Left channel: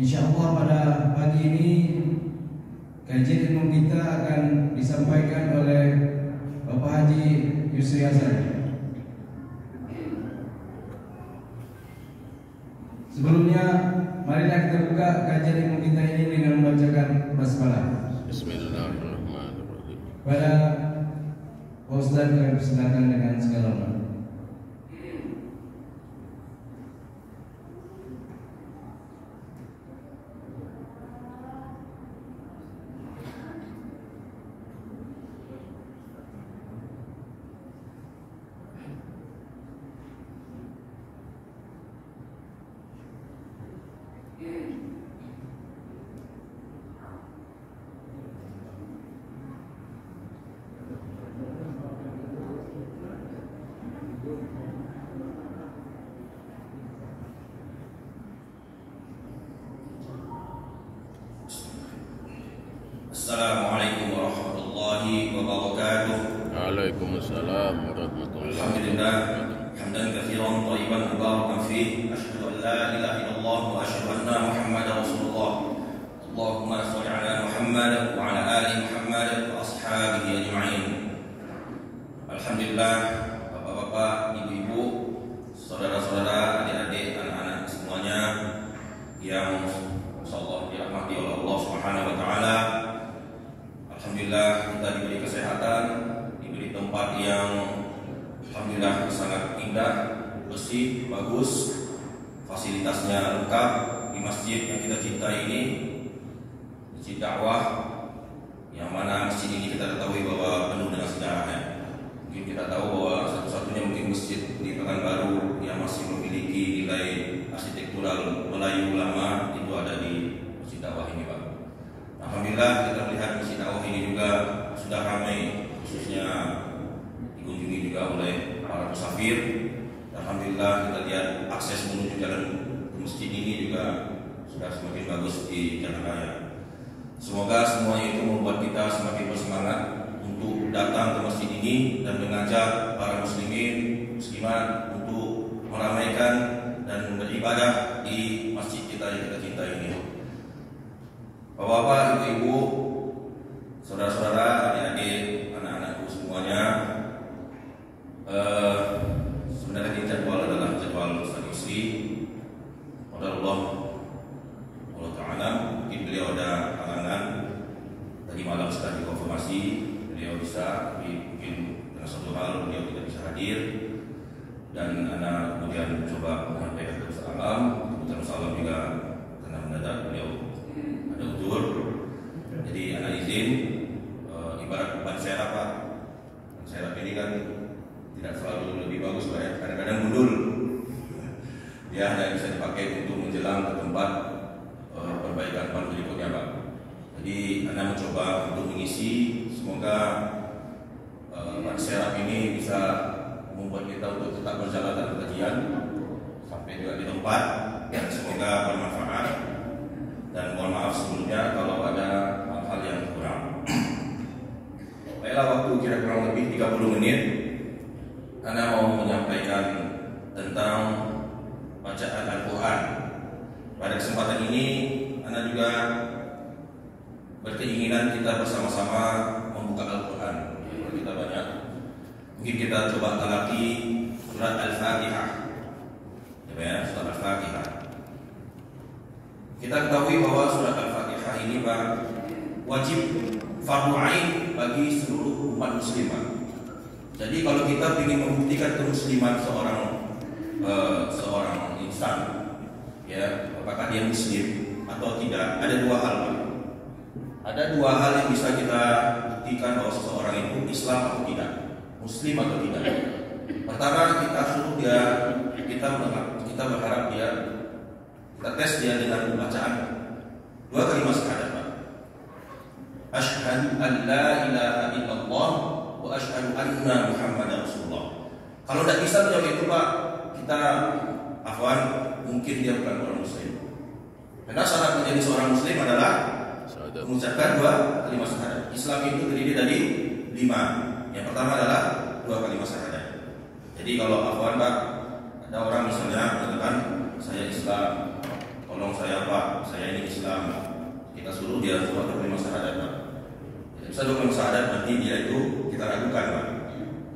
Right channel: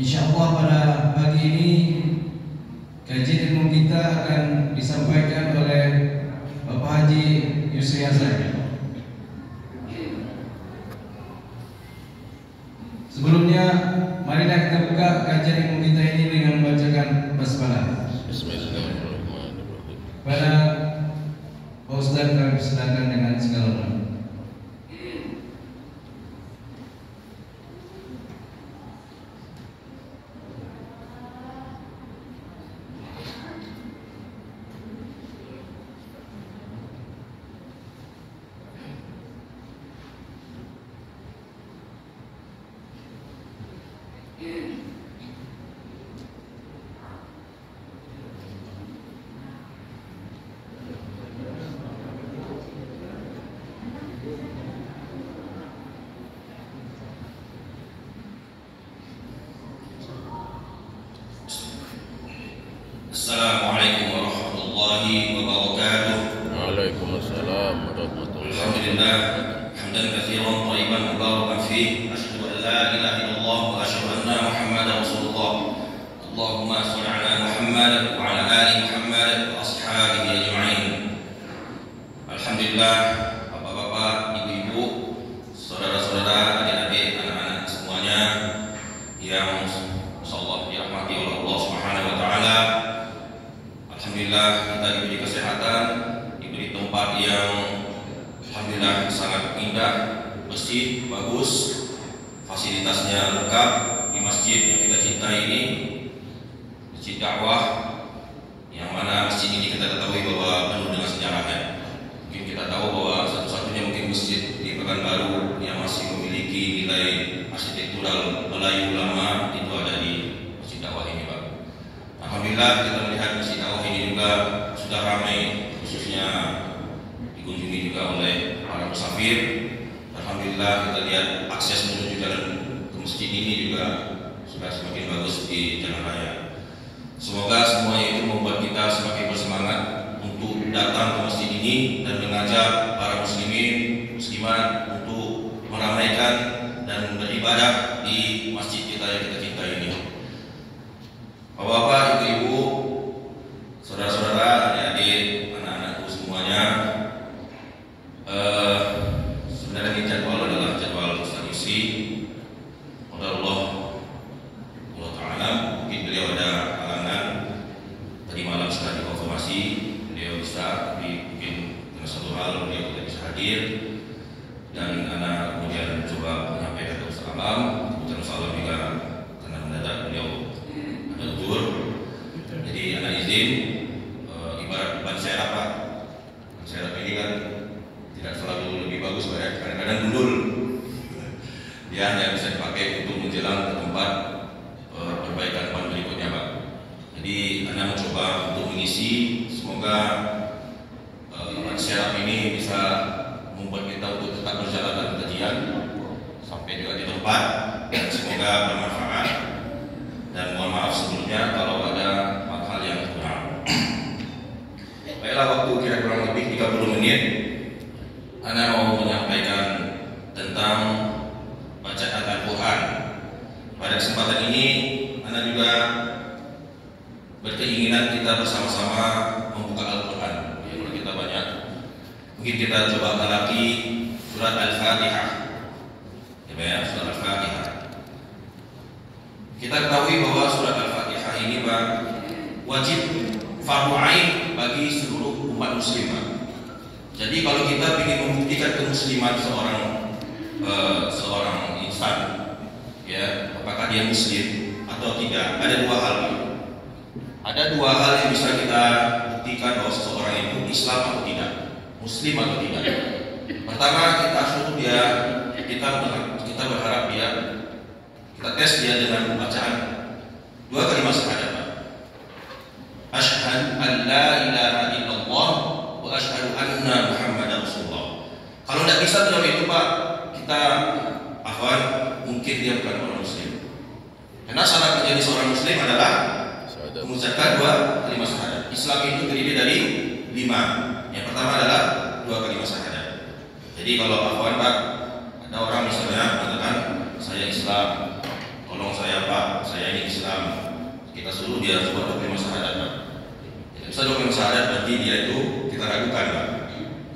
Insyaallah pada pagi ini kajian ilmu kita akan disampaikan oleh Bapak Haji Yusri Azhar. Sebelumnya, marilah kita buka kajian ilmu kita ini dengan membacakan basmalah. Bismillahirrahmanirrahim. Pada Pak Ustaz kami persilakan dengan segala hormat. Assalamualaikum warahmatullahi wabarakatuh. Waalaikumsalam warahmatullahi Alhamdulillah hamdan katsiran thayyiban mubarakan fih. Asyhadu an la ilaha illallah wa asyhadu anna Muhammadar Rasulullah. Allahumma shalli ala Muhammad wa ala ali Muhammad wa ashabihi ajma'in. Alhamdulillah, bapak-bapak, ibu-ibu, saudara-saudara, adik-adik, anak-anak semuanya yang insyaallah dirahmati oleh Allah Subhanahu wa taala. Alhamdulillah kita diberi kesehatan, diberi tempat yang alhamdulillah sangat indah, bersih, bagus, fasilitasnya lengkap di masjid yang kita cintai ini, masjid dakwah, yang mana masjid ini kita ketahui bahwa penuh dengan sejarahnya. Mungkin kita tahu bahwa satu-satunya mungkin masjid di Pekanbaru yang masih memiliki nilai arsitektural Melayu lama itu ada di masjid dakwah ini, Pak. Alhamdulillah kita melihat masjid dakwah ini juga sudah ramai, khususnya dikunjungi juga oleh para musafir. Alhamdulillah kita lihat akses menuju jalan ke masjid ini juga sudah semakin bagus di jalan raya. Semoga semuanya itu membuat kita semakin bersemangat untuk datang ke masjid ini dan mengajak para muslimin, muslimat untuk meramaikan dan beribadah di masjid kita yang kita cintai ini. Bapak-bapak, ibu-ibu, saudara-saudara, adik-adik, anak-anakku semuanya, sebenarnya jadwal adalah jadwal Ustaz Yusri. Allah Ta'ala, mungkin beliau ada halangan. Tadi malam sudah dikonfirmasi beliau bisa, tapi mungkin dengan satu hal beliau tidak bisa hadir. Dan anak kemudian coba menyampaikan ke Ustaz Alam, kemudian Ustaz Alam juga karena mendadak beliau ada udur. Jadi anak izin, ibarat ban serap, Pak. Ban serap ini kan tidak selalu lebih bagus, Pak, ya. Kadang-kadang gundul. Dia hanya bisa dipakai untuk menjelang ke tempat perbaikan ban berikutnya, Pak. Jadi anak mencoba untuk mengisi, semoga ban serap ini bisa membuat kita untuk tetap berjalan dalam kajian sampai juga di tempat, dan semoga bermanfaat. Dan mohon maaf sebelumnya kalau ada hal yang kurang. Baiklah, waktu kira kurang lebih 30 menit Ana mau menyampaikan tentang bacaan Al-Quran. Pada kesempatan ini Ana juga berkeinginan kita bersama-sama membuka Al-Quran. Kalau kita banyak, mungkin kita coba talaki surat Al-Fatihah. Ya, surat Al-Fatihah. Kita ketahui bahwa surat Al-Fatihah ini wajib fardu ain bagi seluruh umat muslimah. Jadi kalau kita ingin membuktikan kemusliman seorang insan, ya, apakah dia muslim atau tidak, ada dua hal. Ada dua hal yang bisa kita buktikan bahwa seseorang itu Islam atau tidak, muslim atau tidak. Pertama, kita suruh dia, kita berharap dia, kita tes dia dengan bacaan dua kalimat syahadat. Asyhadu an la ilaha illallah wa asyhadu anna Muhammadar Rasulullah. Kalau tidak bisa menjawab itu, Pak, kita afwan, mungkin dia bukan orang muslim. Karena syarat menjadi seorang muslim adalah mengucapkan dua kalimat syahadat. Islam itu terdiri dari 5. Yang pertama adalah dua kalimat syahadat. Jadi kalau afwan, Pak, ada orang misalnya mengatakan saya Islam, tolong saya Pak, saya ini Islam. Kita suruh dia buat dokumen syahadat Pak. Tidak bisa dokumen syahadat berarti dia itu kita ragukan Pak.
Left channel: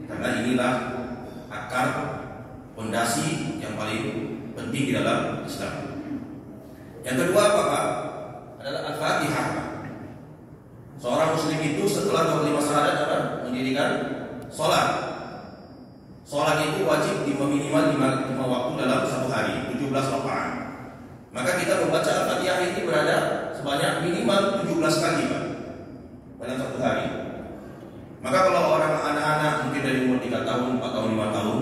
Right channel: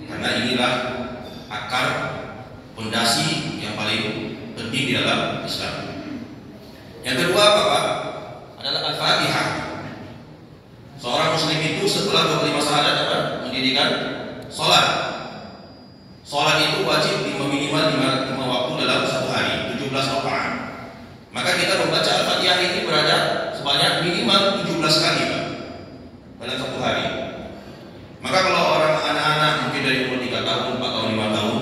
Karena inilah akar pondasi yang paling penting di dalam Islam. Yang kedua apa Pak? Adalah Al-Fatihah. Seorang muslim itu setelah berkelima syahadat apa? Mendirikan sholat. Sholat itu wajib minimal 5 waktu dalam satu hari, 17 rakaat. Maka kita membaca Al-Fatihah ini berada sebanyak minimal 17 kali Pak, dalam satu hari. Maka kalau orang anak-anak mungkin dari umur 3 tahun, 4 tahun, 5 tahun,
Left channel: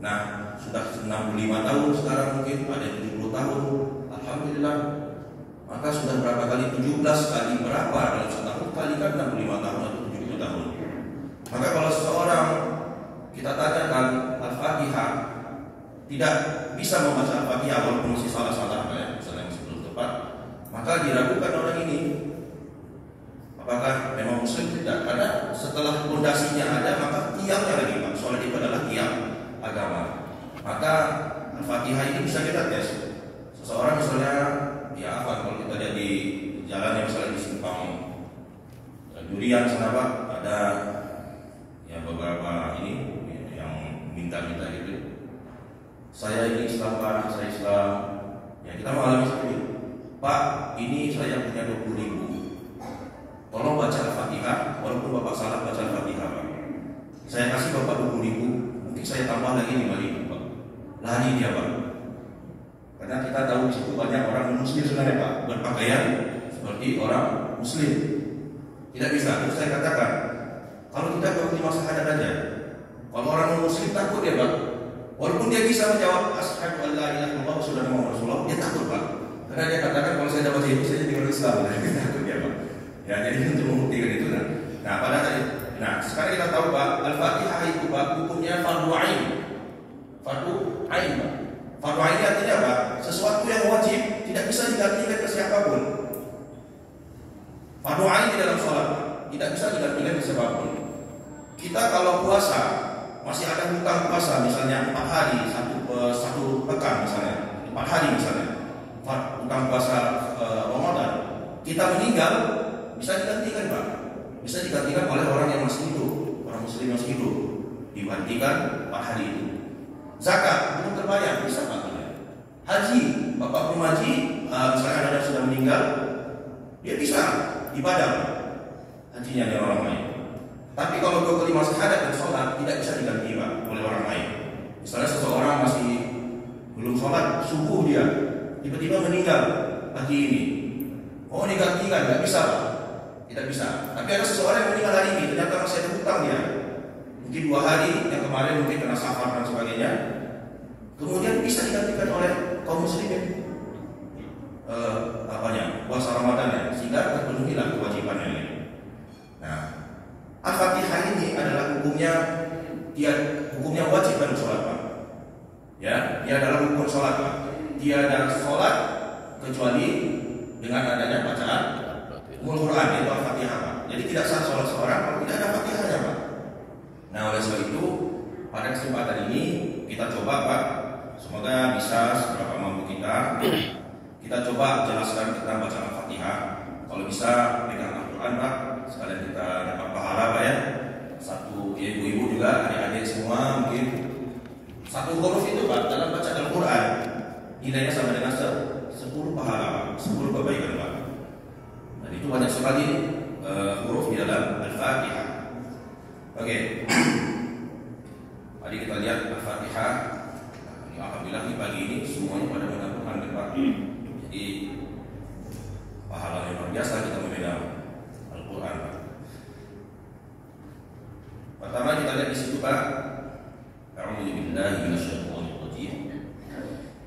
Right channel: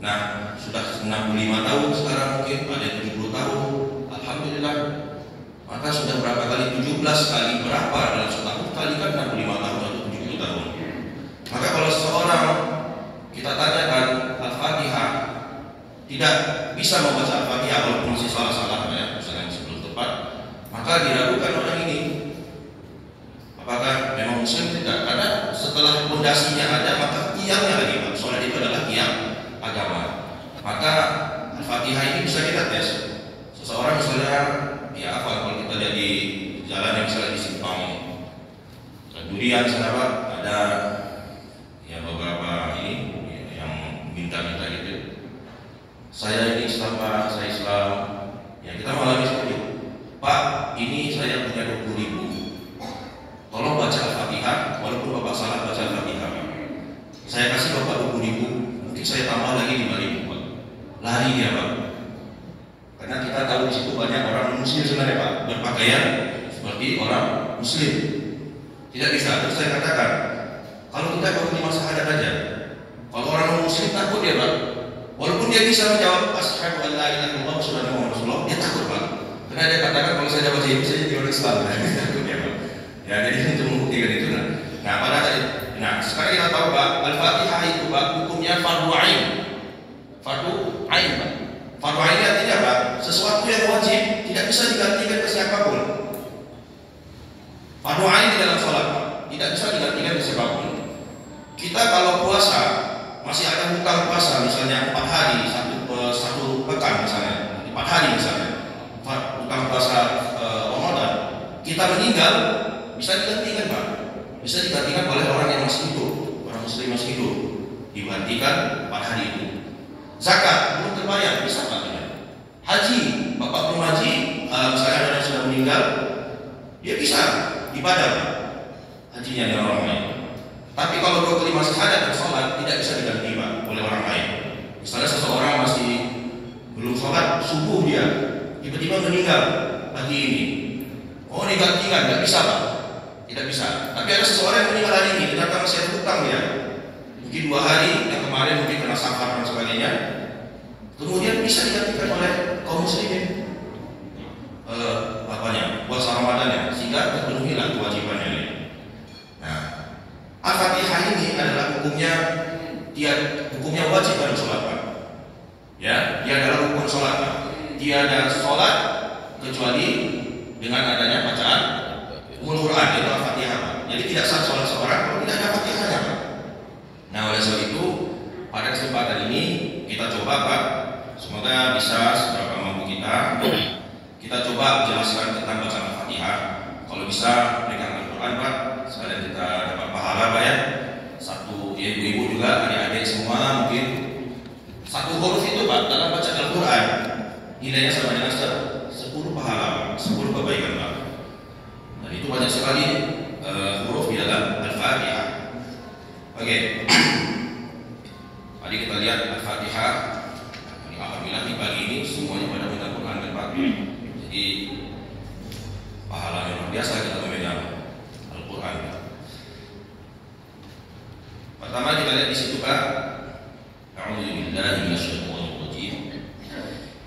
nah sudah 65 tahun sekarang mungkin ada 70 tahun, alhamdulillah. Maka sudah berapa kali? 17 kali berapa dalam setahun? Kalikan 65 tahun atau 70 tahun. Maka kalau seseorang kita tanyakan Al-Fatihah tidak bisa membaca Al-Fatihah walaupun masih salah-salah ya, misalnya masih belum tepat, maka diragukan orang ini apakah memang muslim tidak. Karena setelah fondasinya ada, maka tiangnya lagi Pak. Sholat itu adalah tiang agama. Maka Al-Fatihah ini bisa kita tes. Seseorang misalnya ya apa, kalau kita lihat di jalan yang misalnya di simpang Durian sana Pak, ada ya beberapa ini yang minta-minta gitu. Saya ini Islam Pak, saya Islam. Ya kita mengalami seperti itu. Pak, ini saya punya 20.000. Tolong baca Al-Fatihah, walaupun Bapak salah baca Al-Fatihah Pak. Saya kasih Bapak 20.000, mungkin saya tambah lagi 5.000 Pak. Lari dia Pak. Karena kita tahu di situ banyak orang muslim sebenarnya Pak, berpakaian seperti orang muslim. Tidak bisa. Terus saya katakan, kalau kita baru 5 syahadat aja, kalau orang muslim takut ya Pak. Walaupun dia bisa menjawab asyhadu an la ilaha illallah wa asyhadu anna muhammadar rasulullah, dia takut Pak. Karena dia katakan kalau saya dapat itu saya jadi orang Islam. Takut ya Pak. Ya jadi untuk membuktikan itu nah sekarang kita tahu Pak, Al-Fatihah itu Pak hukumnya fardu ain. Fardu ain Pak. Fardu ain artinya apa? Sesuatu yang wajib tidak bisa digantikan ke siapapun. Fardu ain di dalam sholat tidak bisa digantikan ke siapapun. Kita kalau puasa masih ada hutang puasa misalnya 4 hari satu pekan misalnya 4 hari misalnya hutang puasa Ramadan, kita meninggal bisa digantikan Pak. Bisa digantikan oleh orang yang masih hidup, orang muslim masih hidup, digantikan 4 hari itu. Zakat belum terbayar bisa Pak. Haji, Bapak mau haji, misalnya ada yang sudah meninggal, dia bisa ibadah hajinya dari orang lain. Tapi kalau 25 syahadat dan sholat tidak bisa diganti Pak oleh orang lain. Misalnya seseorang masih belum sholat subuh dia tiba-tiba meninggal pagi ini, oh digantikan, tidak bisa Pak, tidak bisa. Tapi ada seseorang yang meninggal hari ini ternyata masih ada hutang dia, mungkin 2 hari yang kemarin mungkin kena safar dan sebagainya, kemudian bisa digantikan oleh kaum muslimin puasa Ramadan ya, sehingga terpenuhilah kewajibannya. Nah, Al-Fatihah ini adalah hukumnya wajib dalam sholat Pak. Ya, dia adalah hukum sholat Pak. Tiada sholat kecuali dengan adanya bacaan Al-Quran, yaitu Al-Fatihah Pak. Jadi tidak sah sholat seorang kalau tidak ada Fatihahnya Pak. Nah, oleh sebab itu pada kesempatan ini kita coba Pak, semoga bisa seberapa mampu kita coba jelaskan tentang bacaan Al-Fatihah. Kalau bisa pegang Al-Quran Pak, sekalian kita dapat pahala Pak ya. Satu ya, ibu-ibu juga, adik-adik semua mungkin satu huruf itu Pak dalam bacaan Al-Quran nilainya sama dengan 10 pahala, 10 kebaikan Pak. Dan itu banyak sekali huruf di dalam Al-Fatihah. Oke. Tadi kita lihat Al-Fatihah. Alhamdulillah di pagi ini semuanya pada mengakukan Al-Fatihah. Jadi pahala yang luar biasa kita memegang Al-Quran. Pertama kita lihat di situ Pak. A'udzubillahi minasyaitonirrajim.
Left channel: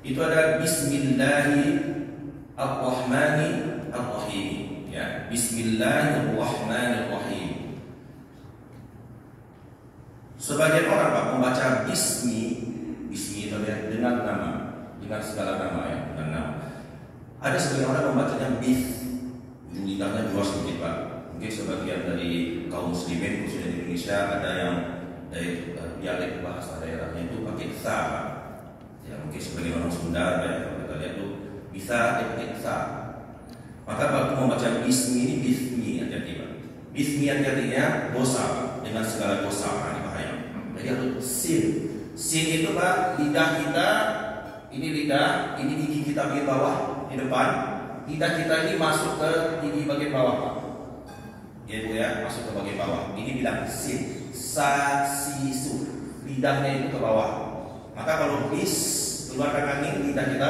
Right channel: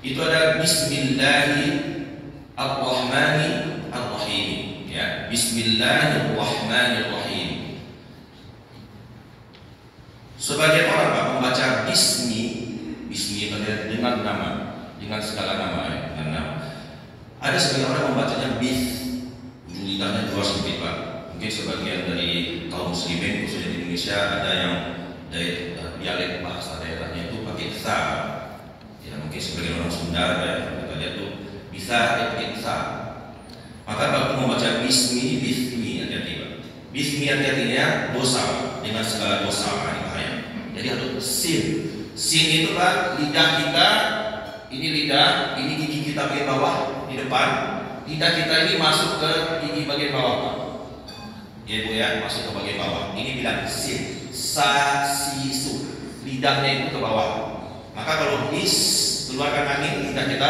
Itu ada Bismillahirrahmanirrahim. Ya, Bismillahirrahmanirrahim. Sebagian orang Pak membaca bismi dengan nama, dengan segala nama ya, dengan nama. Ada sebagian orang membacanya bis, ujung lidahnya juga sempit Pak. Mungkin sebagian dari kaum muslimin khususnya di Indonesia ada yang dari dialek bahasa daerahnya itu pakai sa. Ya mungkin sebagian orang Sunda ya, kita lihat tuh bisa bisa. Maka waktu membaca bismi hati-hati Pak. Bismi hati-hatinya dosa dengan segala dosa, ini bahaya. Jadi harus sin. Sin itu Pak, lidah kita, ini lidah, ini gigi kita bagian bawah di depan. Lidah kita ini masuk ke gigi bagian bawah Pak. Ya Bu ya, masuk ke bagian bawah. Ini bilang sin, sa, si, su. Lidahnya itu ke bawah. Maka kalau bis, keluarkan angin, lidah kita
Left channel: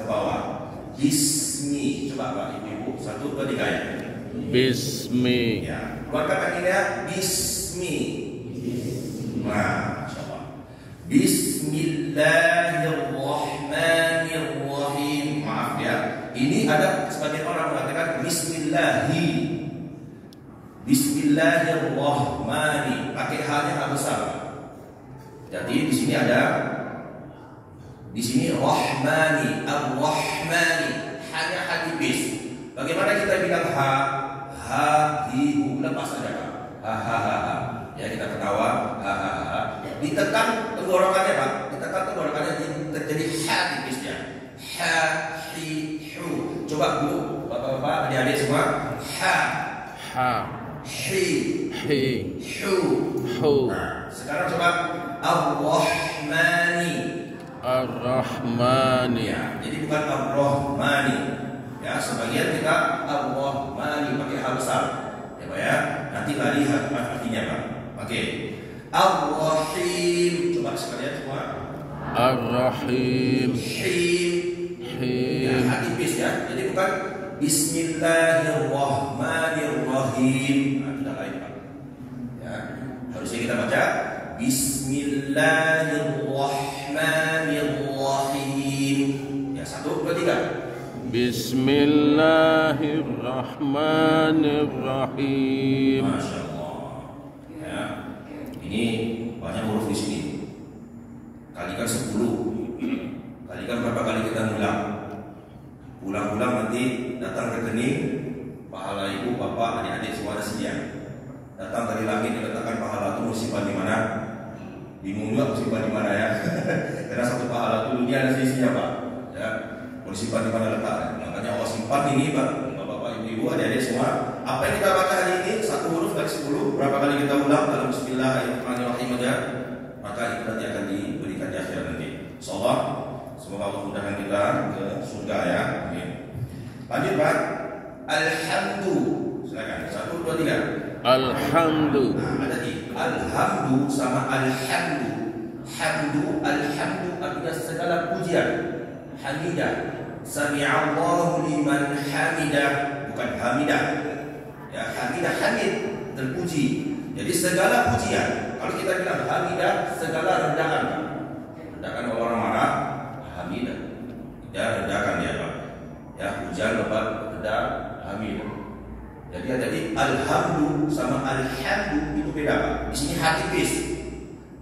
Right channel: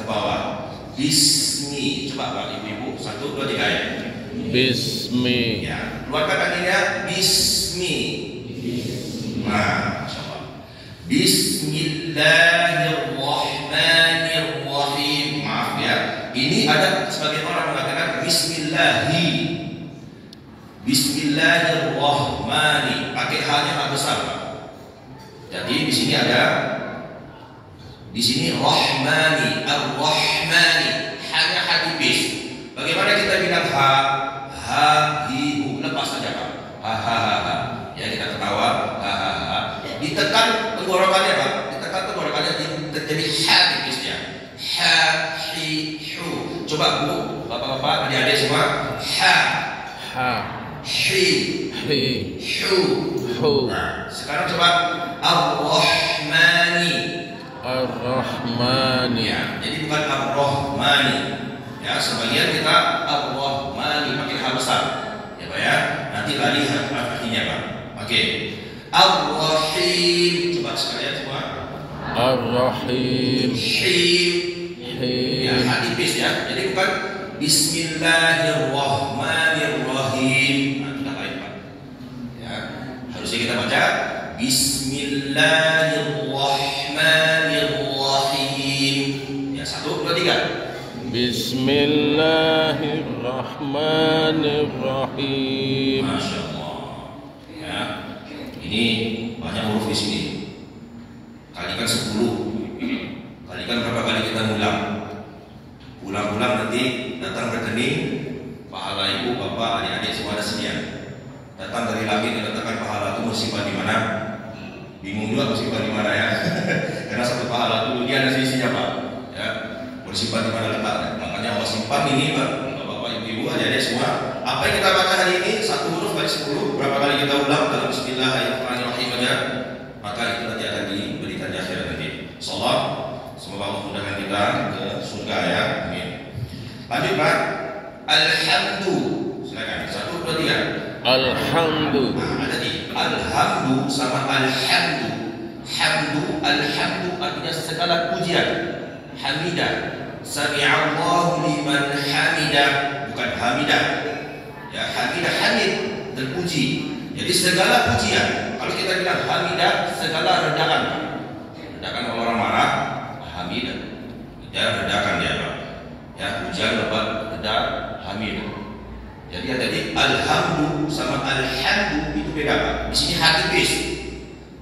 ke bawah. Bismi, coba Pak Ibu-ibu, 1, 2, 3 ya. Bismi. Ya, keluarkan anginnya, bismi. Nah, Masya Allah. Bismillahirrahmanirrahim. Maaf ya, ini ada sebagian orang mengatakan Bismillahi. Bismillahirrahmani, pakai H-nya H besar. Jadi di sini ada, di sini Rahmani, Ar-Rahmani, hanya H tipis. Bagaimana kita bilang H, hi, hu, lepas saja Pak. Ha. Ya kita ketawa, ha. Ditekan tenggorokannya Pak, ditekan tenggorokannya jadi H tipisnya. Ha, hi, hu. Coba Bu, bapak-bapak, adik-adik semua, ha, hi, hu. Nah, sekarang coba Ar-Rahmani. Ya, jadi bukan Ar-Rahmani. Ya, sebagian kita Ar-Rahmani pakai H besar. Ya Pak ya. Nanti lari artinya Pak. Oke. Ar-Rahim. Coba sekalian semua. Ar-Rahim. Ya, H tipis ya. Jadi bukan Bismillahirrahmanirrahim. Nah, tidak lain Pak. Ya, harusnya kita baca Bismillahirrahmanirrahim. Ya, 1, 2, 3. Bismillahirrahmanirrahim. Masya Allah. Ya, ini banyak huruf di sini. Kalikan 10. Kalikan berapa kali kita ngulang. Ulang-ulang nanti datang rekening pahala ibu, bapak, adik-adik semua ada sedia. Datang dari langit diletakkan pahala itu mau simpan di mana? Bingung juga mau simpan di mana ya. Karena satu pahala itu dia ada sisinya Pak. Ya, mau simpan di mana letaknya. Makanya Allah simpan ini Pak. Bapak, ibu, adik-adik semua. Apa yang kita baca hari ini 1 huruf dari 10. Berapa kali kita ulang dalam Bismillahirrahmanirrahim aja, maka itu nanti akan diberikan di akhirat nanti. Insyaallah. Semoga Allah mudahkan kita ke surga ya. Amin. Lanjut Pak. Alhamdu. Silakan. 1, 2, 3. Alhamdu. Nah, ada di alhamdu sama alhamdu. Alhamdu artinya segala pujian. Hamidah. Sami'allahu liman hamidah, bukan hamidah. Ya, hamidah hamid, terpuji. Jadi segala pujian. Kalau kita bilang hamidah, segala rendahan. Rendahan kalau orang marah, hamidah. Ya, redakan dia Pak. Ya, hujan lebat, redah, hamidah. Jadi ada di alhamdu sama alhamdu itu beda Pak. Di sini hati bis.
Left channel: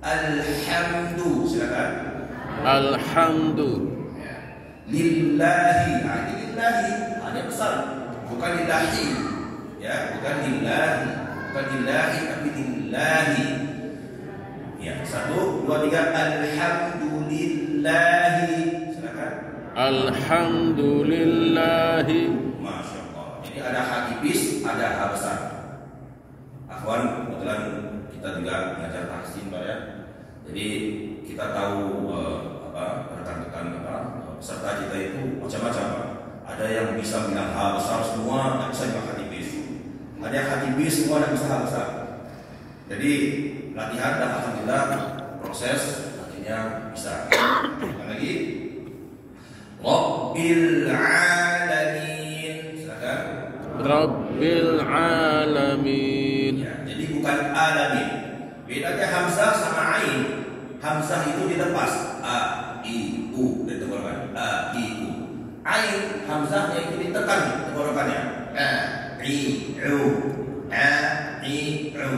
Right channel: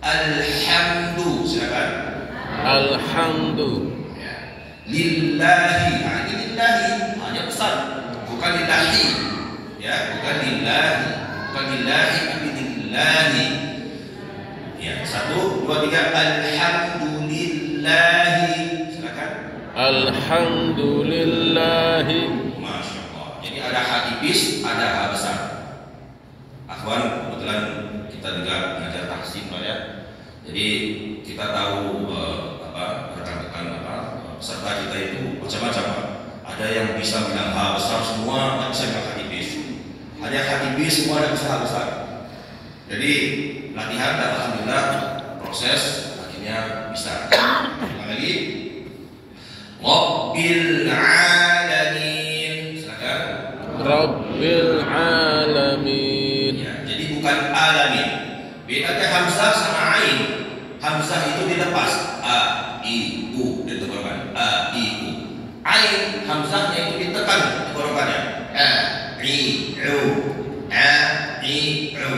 Alhamdu, silakan. Alhamdu. Ya. Lillahi, nah ini lillahi hanya besar, bukan lillahi. Ya, bukan lillahi, tapi lillahi. Ya, 1, 2, 3. Alhamdulillahi, silakan. Alhamdulillahi. Masya Allah. Jadi ada H tipis, ada H besar. Akhwan, kebetulan kita juga mengajar tahsin Pak ya. Jadi kita tahu rekan-rekan peserta kita itu macam-macam Pak. Ada yang bisa bilang H besar semua, nggak bisa bilang H tipis. Ada yang H tipis semua, nggak bisa H besar. Jadi latihan dan alhamdulillah proses akhirnya bisa. Lagi. Rabbil alamin. Silakan. Rabbil alamin. Ya, jadi bukan alamin. Bedanya hamzah sama ain. Hamzah itu dilepas. A, I, U ditenggorokan. A, I, U. Ain hamzahnya itu ditekan tenggorokannya. A, I, U. A, I, U.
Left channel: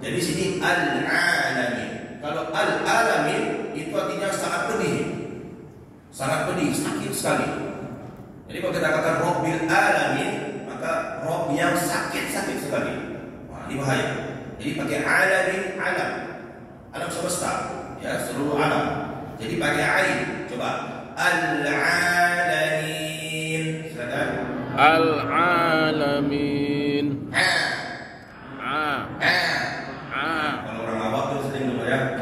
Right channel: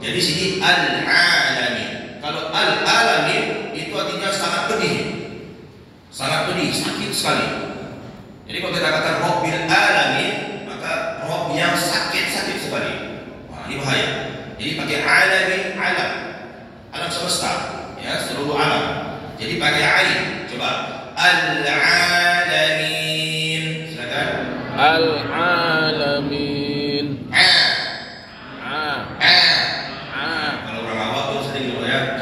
Jadi sini al-alamin. Kalau al-alamin itu artinya sangat pedih. Sangat pedih, sakit sekali. Jadi kalau kita katakan Rabbil alamin, maka Rabb yang sakit-sakit sekali. Wah, ini bahaya. Jadi pakai alamin, alam semesta, ya seluruh alam. Jadi pakai ain. Coba. Al-alamin. Silakan. Al-alamin. Kalau orang awam tuh sering lupa ya.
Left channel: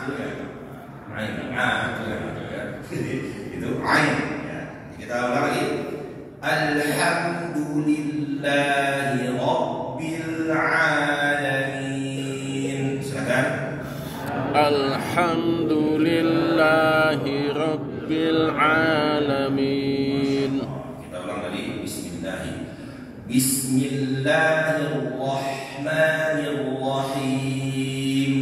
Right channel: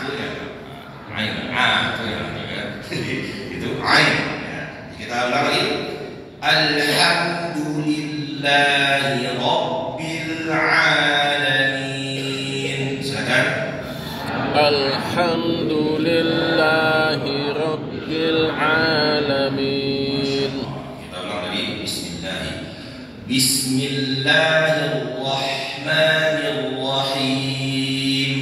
Itu ya. Ain. Itu ya. Itu ain. Ya. Kita ulang lagi. Alhamdulillahi Rabbil alamin. Silakan. Alhamdulillahi Rabbil alamin. Kita ulang lagi. Bismillahirrahmanirrahim.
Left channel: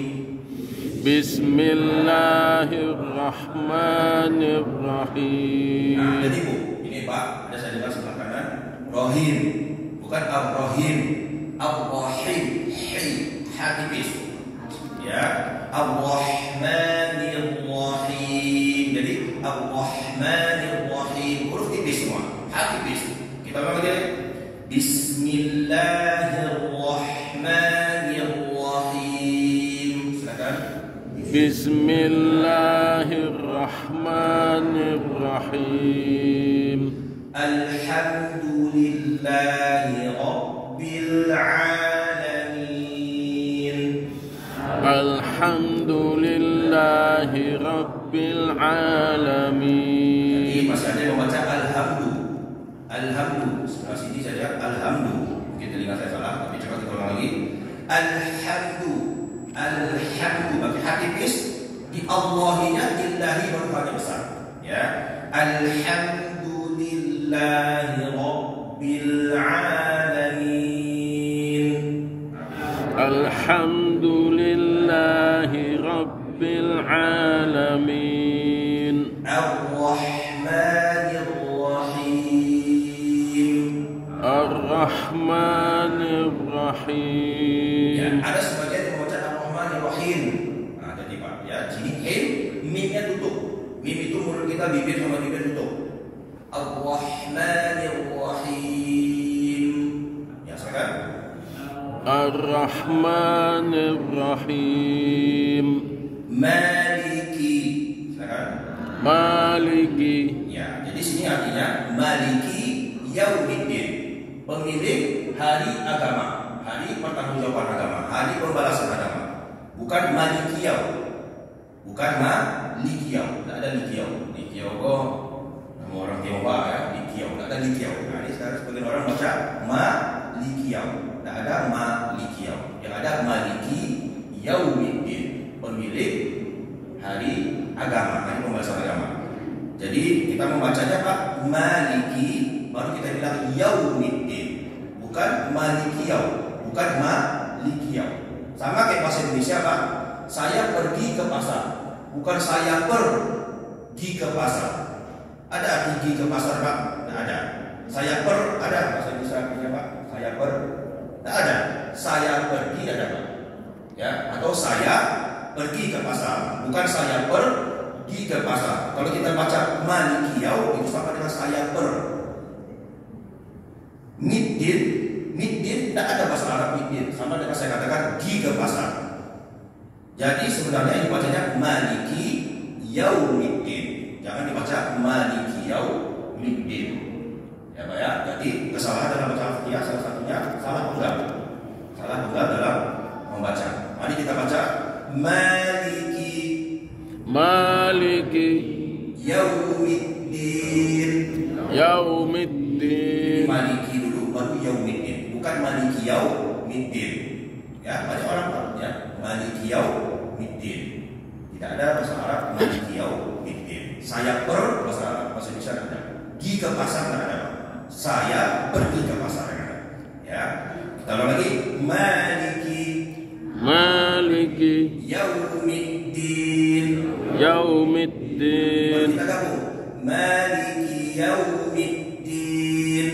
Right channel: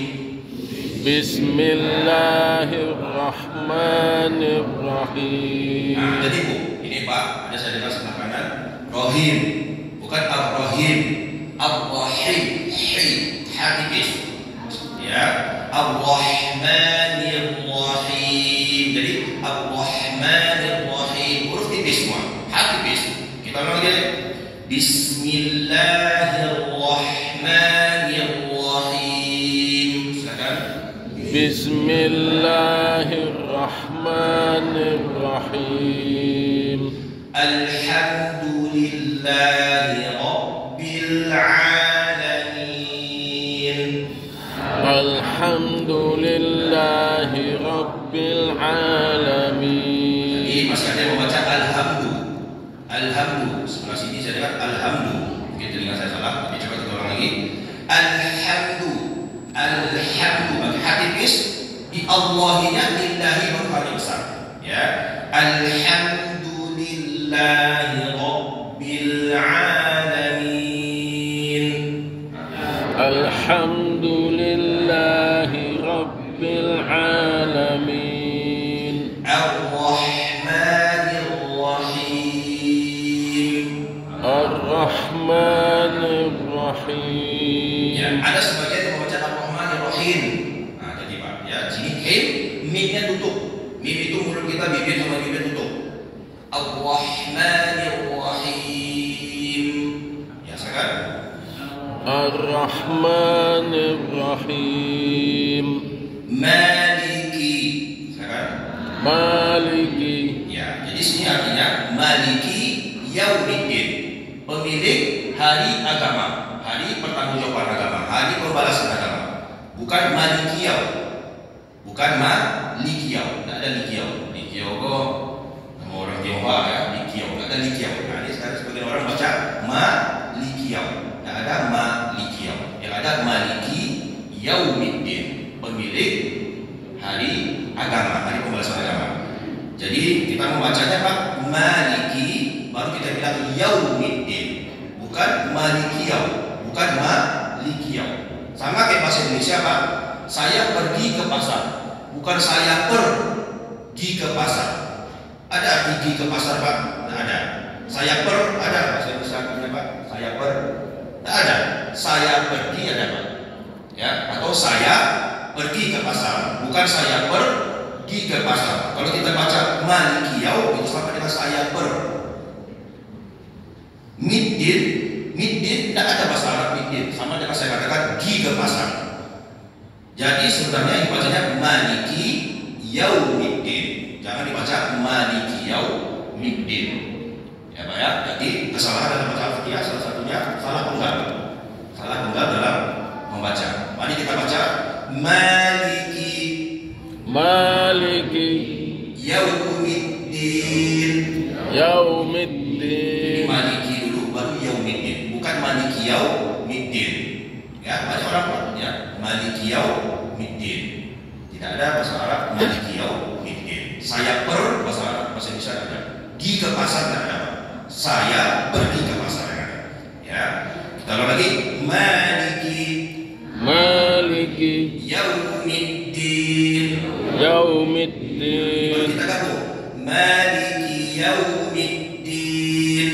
Bismillahirrahmanirrahim. Nah, jadi Bu, ini Pak, ada saya dengar sebelah kanan. Rahim, bukan ar-rahim. Ar-rahim, ha tipis. Ya, ar-rahmanirrahim. Jadi ar-rahmanirrahim huruf tipis semua, ha tipis. Kita ulang lagi. Bismillahirrahmanirrahim. Silakan. Bismillahirrahmanirrahim. Alhamdulillahi Rabbil alamin. Alhamdulillahi Rabbil alamin. Jadi masih ada yang membaca alhamdu. Alhamdu. Sebelah sini saya lihat alhamdu. Mungkin telinga saya salah, tapi coba kita ulang lagi. Alhamdu. Alhamdu. Bagi hati bis di Allahinya lillahi berkali besar. Ya. Alhamdulillahi Rabbil alamin. Alhamdulillahi Rabbil alamin. Ar-Rahmanir-Rahim. Ar-Rahmanir-Rahim. Ya, ada sebagian yang membaca Ar-Rahmanir-Rahim. Nah, tadi Pak, ya, sini him, mimnya tutup. Mim itu mulut kita, bibir sama bibir tutup. Ar-Rahmanir-Rahim. Ya, sekarang. Ar-Rahmanir-Rahim. Maliki. Sekarang. Maliki. Ya, jadi sini artinya Maliki Yaumiddin, pemilik hari agama, hari pertanggungjawaban agama, hari pembalasan agama. Bukan Malikiyau, bukan Malikiyau, tidak ada Likiyau. Likiyau kok nama orang Tionghoa ya, Likiyau, tidak ada Likiyau. Nah, ini sekarang sebagian orang baca Malikiyau, tidak ada Malikiyau. Yang ada Maliki Yaumiddin, pemilik hari agama, hari pembalasan agama. Jadi kita membacanya Pak Maliki, baru kita bilang Yaumiddin, bukan Malikiyau, bukan Malikiyau. Sama kayak bahasa Indonesia Pak, saya pergi ke pasar, bukan saya pergi ke pasar. Ada pergi ke pasar Pak? Tidak ada. Saya ada bahasa Indonesia artinya Pak? Saya tidak ada. Saya pergi ada Pak? Ya, atau saya pergi ke pasar, bukan saya pergi ke pasar. Kalau kita baca Malikiyau itu sama dengan saya Middin tidak ada bahasa Arab middin, sama dengan saya katakan gi ke pasar. Jadi sebenarnya yang dibacanya Maliki Yaumiddin, jangan dibaca Maliki Yaumiddin. Ya Pak ya. Jadi kesalahan dalam baca Al-Fatihah salah satunya salah tunggal dalam membaca. Mari kita baca Maliki Yaumiddin. Maliki dulu baru Yaumiddin, bukan Maliki Yaumiddin. Ya, banyak orang ya, Maliki Yaumiddin. Tidak ada bahasa Arab Maliki Yaumiddin. Saya bahasa Arab, bahasa Indonesia ada. Gi ke pasar tidak ada. Saya pergi ke pasar ada. Ya. Kita ulang lagi Maliki Yaumiddin. Kita gabung Maliki Yaumiddin.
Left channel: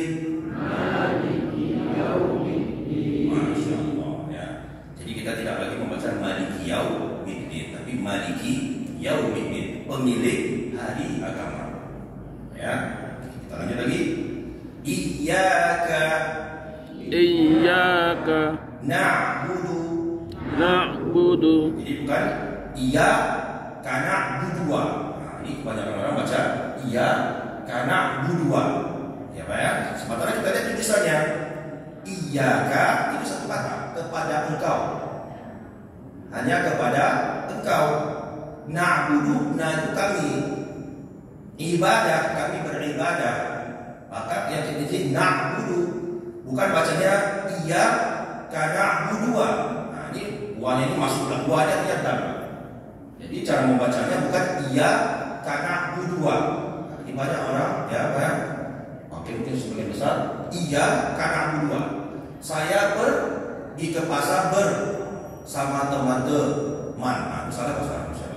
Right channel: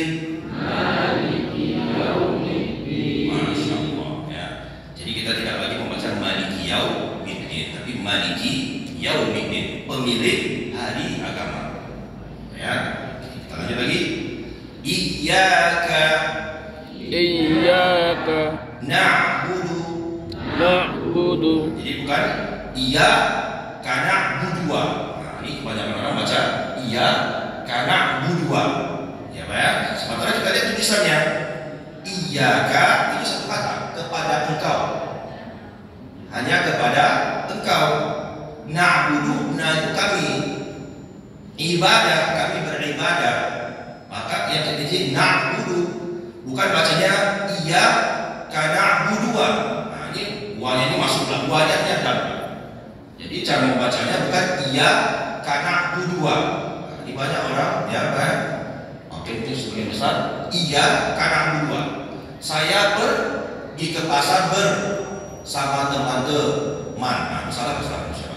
Masya Allah ya. Jadi kita tidak lagi membaca Maliki Yaumiddin, tapi Maliki Yaumiddin, pemilik hari agama. Ya. Kita lanjut lagi. Iyyaka na'budu. Jadi bukan iyyaka na'budu na'budua. Nah, ini kebanyakan orang baca iyyaka na'budua. Ya, Pak ya. Sementara kita lihat tulisannya iyyaka itu satu kata, kepada engkau. Hanya kepada engkau. Na'budu, nah itu kami. Ibadah, kami beribadah. Maka yang ketiga na'budu, bukan bacanya iyyaka na'budua. Nah, ini buahnya ini masuklah, buahnya dan. Jadi cara membacanya bukan iyyaka na'budua. Nah, ini banyak orang ya kan. Oke, itu sebagian besar iyyaka na'budua. Saya pergi ke pasar bersama teman-teman. Nah, salah bahasa Indonesia.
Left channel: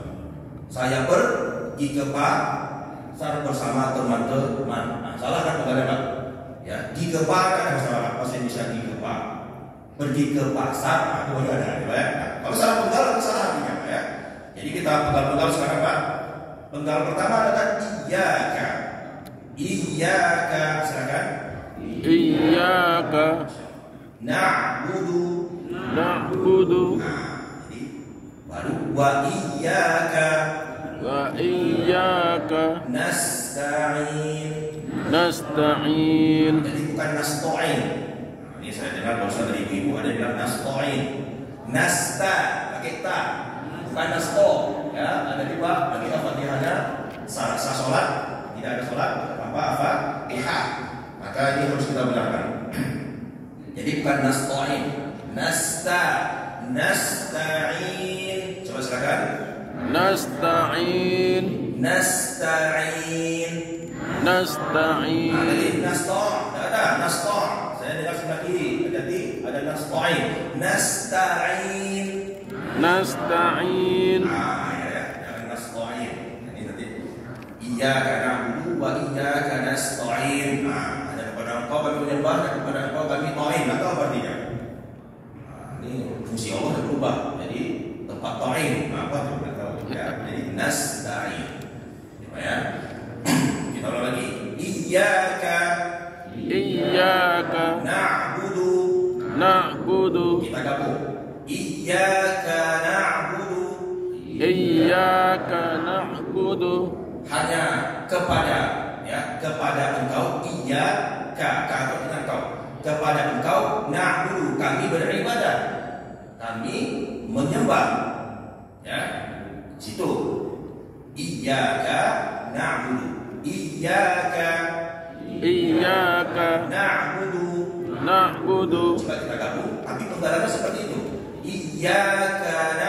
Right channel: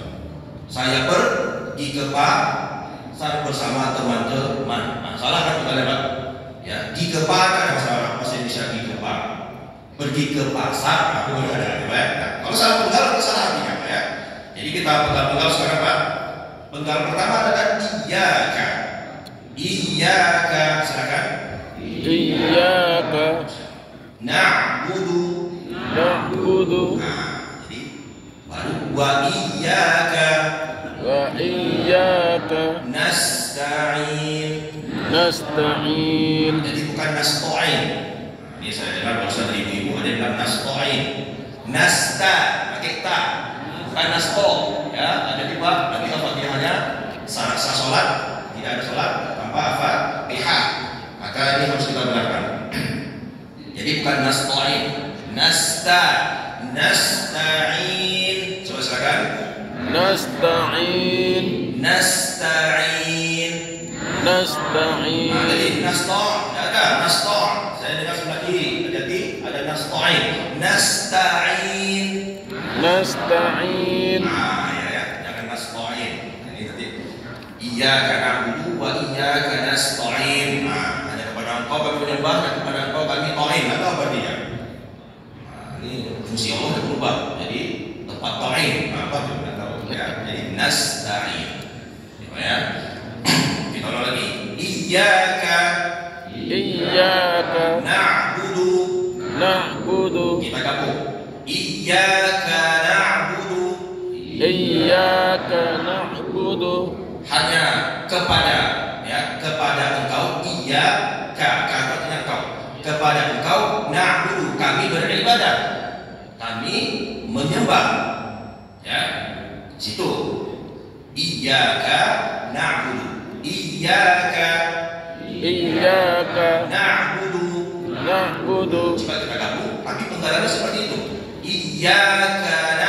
Saya pergi ke pasar bersama teman-teman. Nah, salah kan kita lihat? Ya, di ke pasar ada masalah. Bahasa Indonesia di ke pasar. Pergi ke pasar, aku ada ya. Nah, kalau salah penggal itu salah artinya, Pak ya. Jadi kita penggal sekarang, Pak. Penggal pertama adalah iyyaka. Iyyaka, silakan. Iyyaka Na'budu. na'budu Nah, jadi baru wa iyyaka nasta'in. nasta'in. Jadi bukan nasta'in. Ini saya dengar barusan dari ibu-ibu ada yang bilang nasta'in. Nasta pakai ta, bukan nasto. Ya, ada di bawah nanti Al-Fatihahnya sah salat, tidak ada salat tanpa apa? Pihak. Maka ini harus kita benarkan. Jadi bukan nasta'in, nasta'in. Coba silakan. Nasta'in. Nasta'in. Nasta'in. Nah, jadi nasta' ada nasta'. Saya dengar sebelah kiri ada nasta'in. Nasta'in. Nasta'in. Nah, ya, jangan nasta'in. Ini tadi iyyaka na'budu wa iyyaka nasta'in. Nah, ada kepada engkau kami menyembah dan kepada engkau kami ta'in. Apa artinya? Nah, ini fungsi Allah yang berubah. Jadi tempat ta'in. Nah, apa itu? Tidak tahu. Ya, jadi nasta'in. Ya. Kita ulang lagi. Iyyaka na'budu. Kita gabung. Iyyaka na'budu. Hanya kepada engkau. Iyyaka, artinya engkau. Kepada engkau na'budu, kami beribadah. Kami menyembah. Ya. Situ. Iyyaka na'budu. Iyyaka na'budu. Coba kita gabung, tapi penggalannya seperti itu. Iyyaka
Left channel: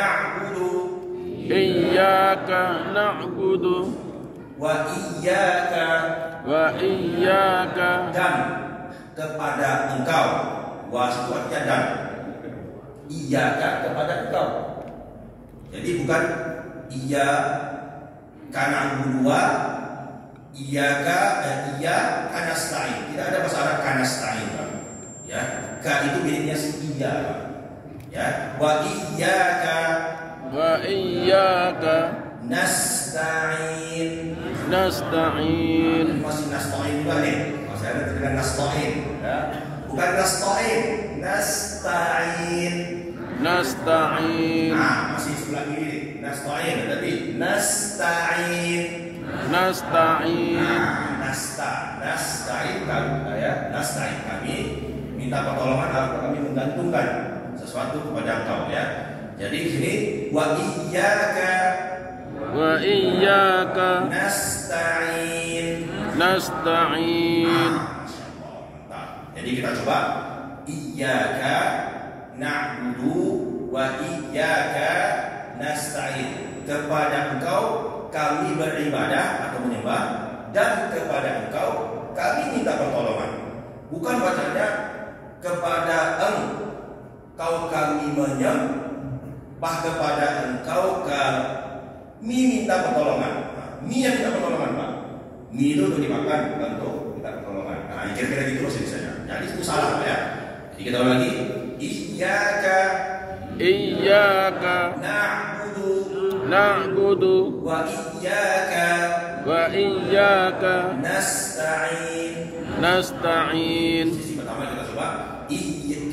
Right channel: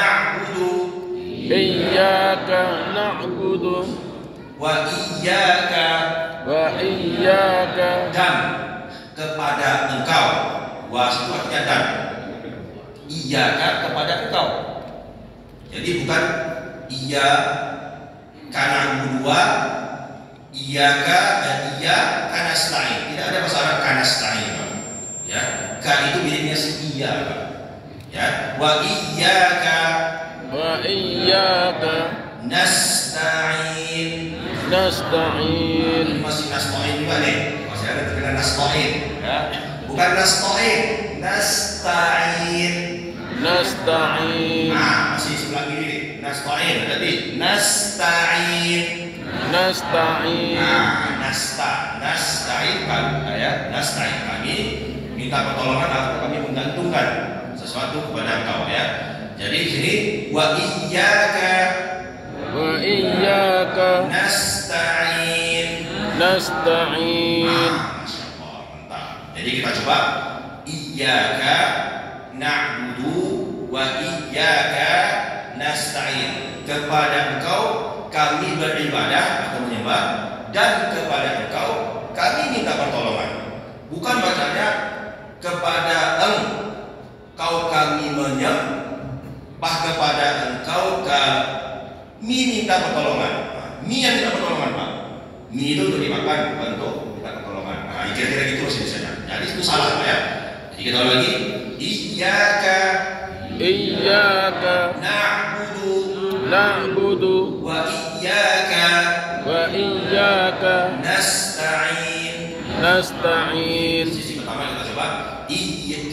na'budu wa iyyaka dan kepada engkau. Wa itu artinya dan. Iyyaka kepada engkau. Jadi bukan iyyaka na'budu wa iyyaka dan iyyaka nasta'in. Tidak ada bahasa Arab kanasta'in. Ya, ka itu miripnya si iya, Pak. Ya, wa iyyaka nasta'in. Masih nasta'in juga nih. Masih ada terkira nasta'in, ya. Bukan nasta'in, nasta'in. Nah, masih sebelah kiri. Nasta'in tadi. Nasta'in. Nah, nasta'in kami, ya. Nasta'in kami minta pertolongan atau kami menggantungkan sesuatu kepada engkau, ya. Jadi di sini wa iyyaka nasta'in. Masya Allah, mantap. Jadi kita coba iyyaka na'budu wa iyyaka nasta'in. Kepada engkau kami beribadah atau menyembah dan kepada engkau kami minta pertolongan. Bukan bacanya kepada engkau kami menyembah, kepada engkau kami minta pertolongan. Mi yang minta pertolongan, Pak. Mi itu untuk dimakan, bukan untuk minta pertolongan. Nah, kira-kira gitu masih misalnya. Jadi itu salah, Pak ya. Jadi kita ulang lagi. Iyyaka na'budu wa iyyaka nasta'in. Sisi pertama kita coba.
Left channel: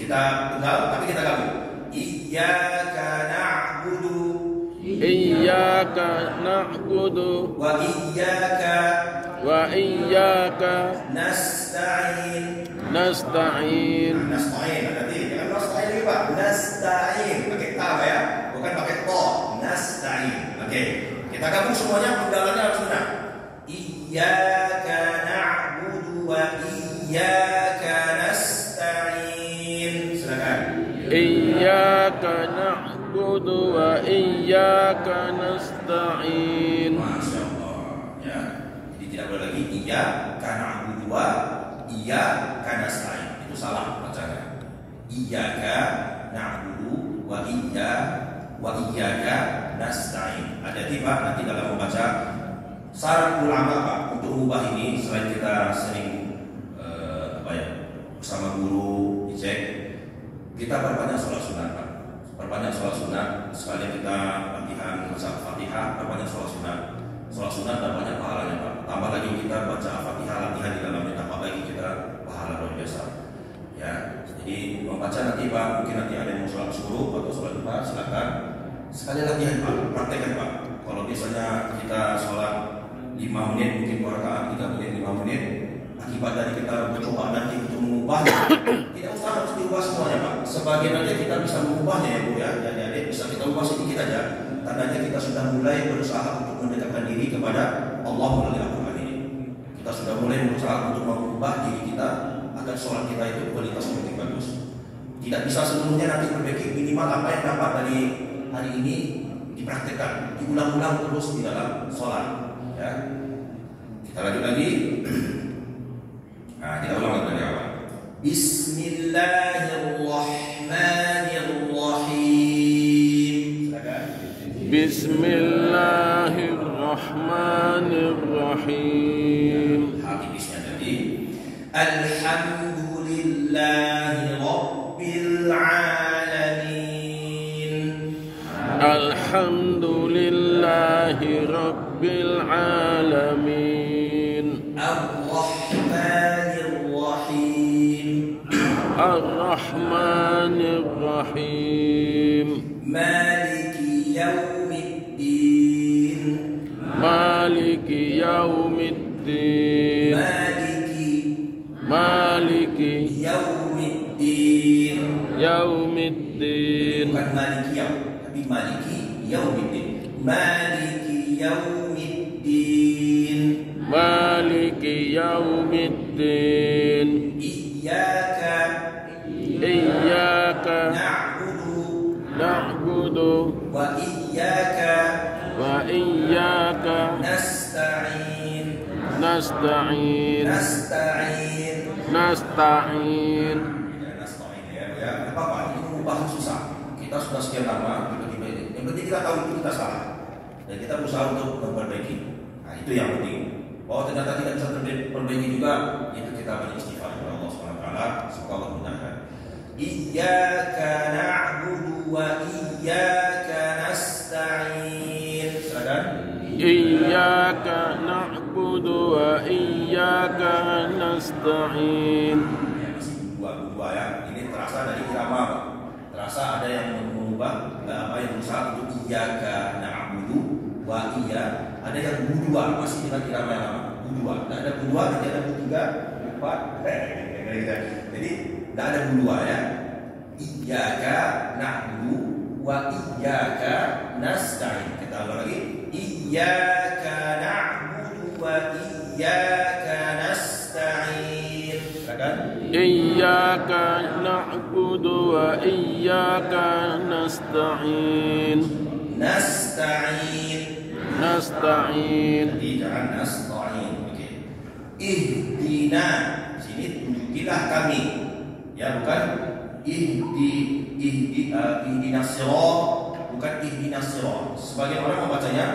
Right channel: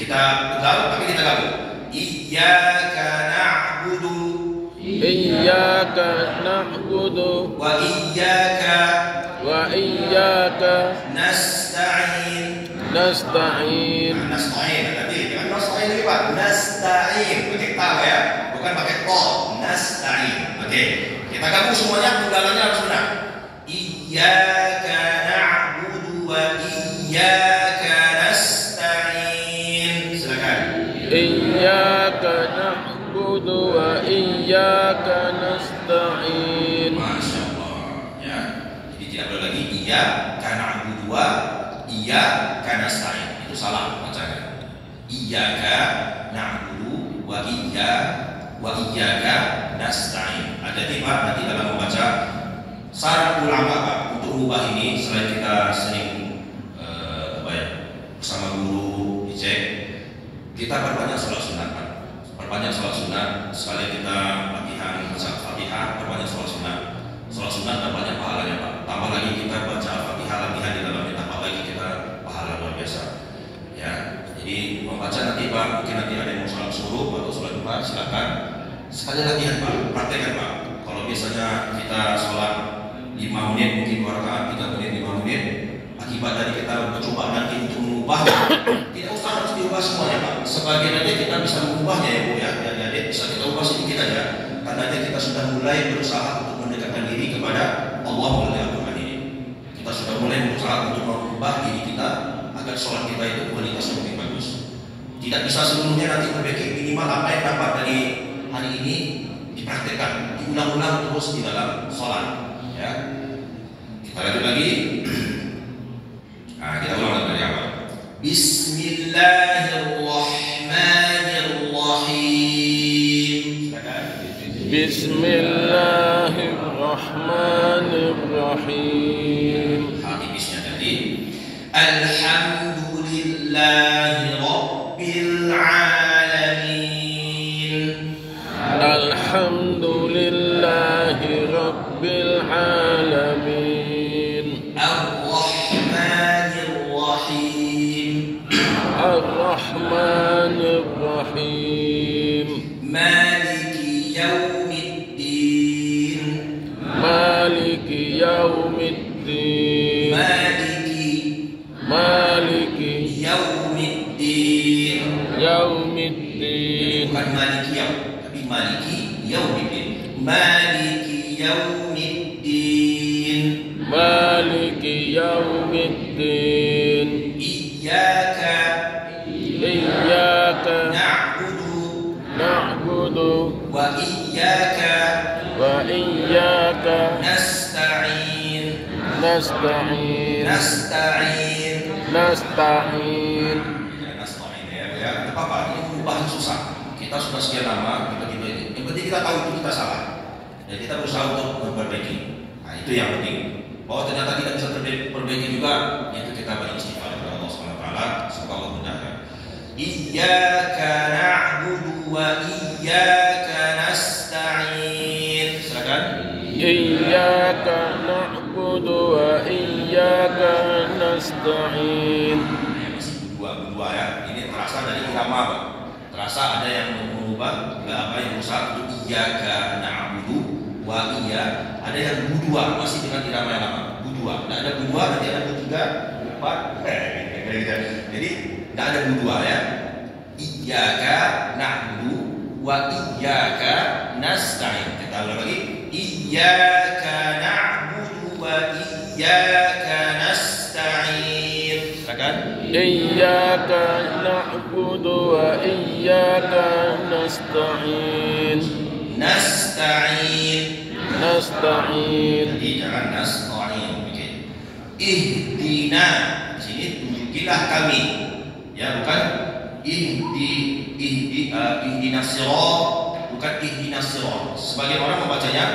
Kita tunggal tapi kita gabung. Iyyaka na'budu iyyaka na'budu wa iyyaka nasta'in. Nasta'in tadi jangan nasta'in lagi Pak. Nasta'in pakai ta ya, bukan pakai to. Nasta'in. Oke. Kita gabung semuanya, penggalannya harus benar. Iyyaka na'budu wa iyyaka nasta'in. Silakan. iyyaka na'budu wa iyyaka nasta'in. Masya Allah ya. Jadi tidak boleh lagi iyyaka na'budu wa iyyaka nasta'in. Itu salah bacanya. Iyyaka na'budu wa iyyaka nasta'in. Hati-hati Pak, nanti dalam membaca saran ulama Pak untuk ubah ini, selain kita sering bersama guru dicek, kita perbanyak sholat sunat Pak. Perbanyak sholat sunat, sekali kita latihan baca Al-Fatihah, perbanyak sholat sunat. Sholat sunat dan banyak pahalanya Pak. Tambah lagi kita baca Al-Fatihah, latihan di dalamnya, tambah lagi kita pahala luar biasa. Ya, jadi membaca nanti Pak, mungkin nanti ada yang mau sholat suruh atau sholat duha, silakan sekali latihan Pak, praktekkan Pak. Kalau biasanya kita sholat 5 menit, mungkin 2 rakaat, 3 menit, 5 menit. Akibat tadi kita mencoba nanti untuk mengubah, tidak usah harus diubah semuanya Pak. Sebagian aja kita bisa mengubahnya ya Bu ya. Jadi bisa kita ubah sedikit aja. Tandanya kita sudah mulai berusaha untuk mendekatkan diri kepada Allah melalui Al-Quran ini. Kita sudah mulai berusaha untuk mengubah diri kita agar sholat kita itu kualitasnya lebih bagus. Tidak bisa seluruhnya nanti perbaiki, minimal apa yang dapat dari hari ini dipraktekkan, diulang-ulang terus di dalam sholat. Ya, kita lanjut lagi. Nah, kita ulang dari awal. Bismillahirrahmanirrahim. Bismillahirrahmanirrahim. Hati bisnya tadi. Alhamdulillahi Rabbil Alamin. Alhamdulillahi Rabbil Alamin. Ar-Rahmanir-Rahim. Maliki Yawmiddin. Maliki Yawmiddin. Maliki Yawmiddin. Yawmiddin. Bukan Maliki Yaum, tapi Maliki Yawmiddin. Maliki Yawmiddin. Maliki Yawmiddin. Iyyaka na'budu wa iyyaka nasta'in. nasta'in. Nasta'in ya. Apa-apa, ini perubahan susah. Kita sudah sekian lama kita ini. Yang penting kita tahu itu kita salah dan kita berusaha untuk memperbaiki. Nah, itu yang penting. Bahwa ternyata tidak bisa perbaiki juga, itu kita beristighfar kepada Allah Subhanahu wa taala. Semoga Allah mudahkan. Iyyaka na'budu wa iyyaka nasta'in. Silakan. Iyyaka na'budu wa iyyaka nasta'in. Masih dua ya. Ini terasa dari irama Pak. Terasa ada yang mengubah apa yang berusaha untuk iyyaka na'budu wa iya. Ada yang budua masih dengan irama yang lama. Budua. Tidak ada budua, nanti ada budua, 4. Jadi tidak ada budua ya. Iyyaka na'budu wa iyyaka nasta'in. Kita ulang lagi. Iyyaka na'budu wa iyyaka nasta'in. Silakan. Iyyaka na'budu wa iyyaka nasta'in. Nasta'in. Jadi jangan nasta'in. Oke. Ihdina. Di sini tunjukilah kami. Ya, bukan ihdinas sirat, bukan ihdinas sirat. Sebagian orang membacanya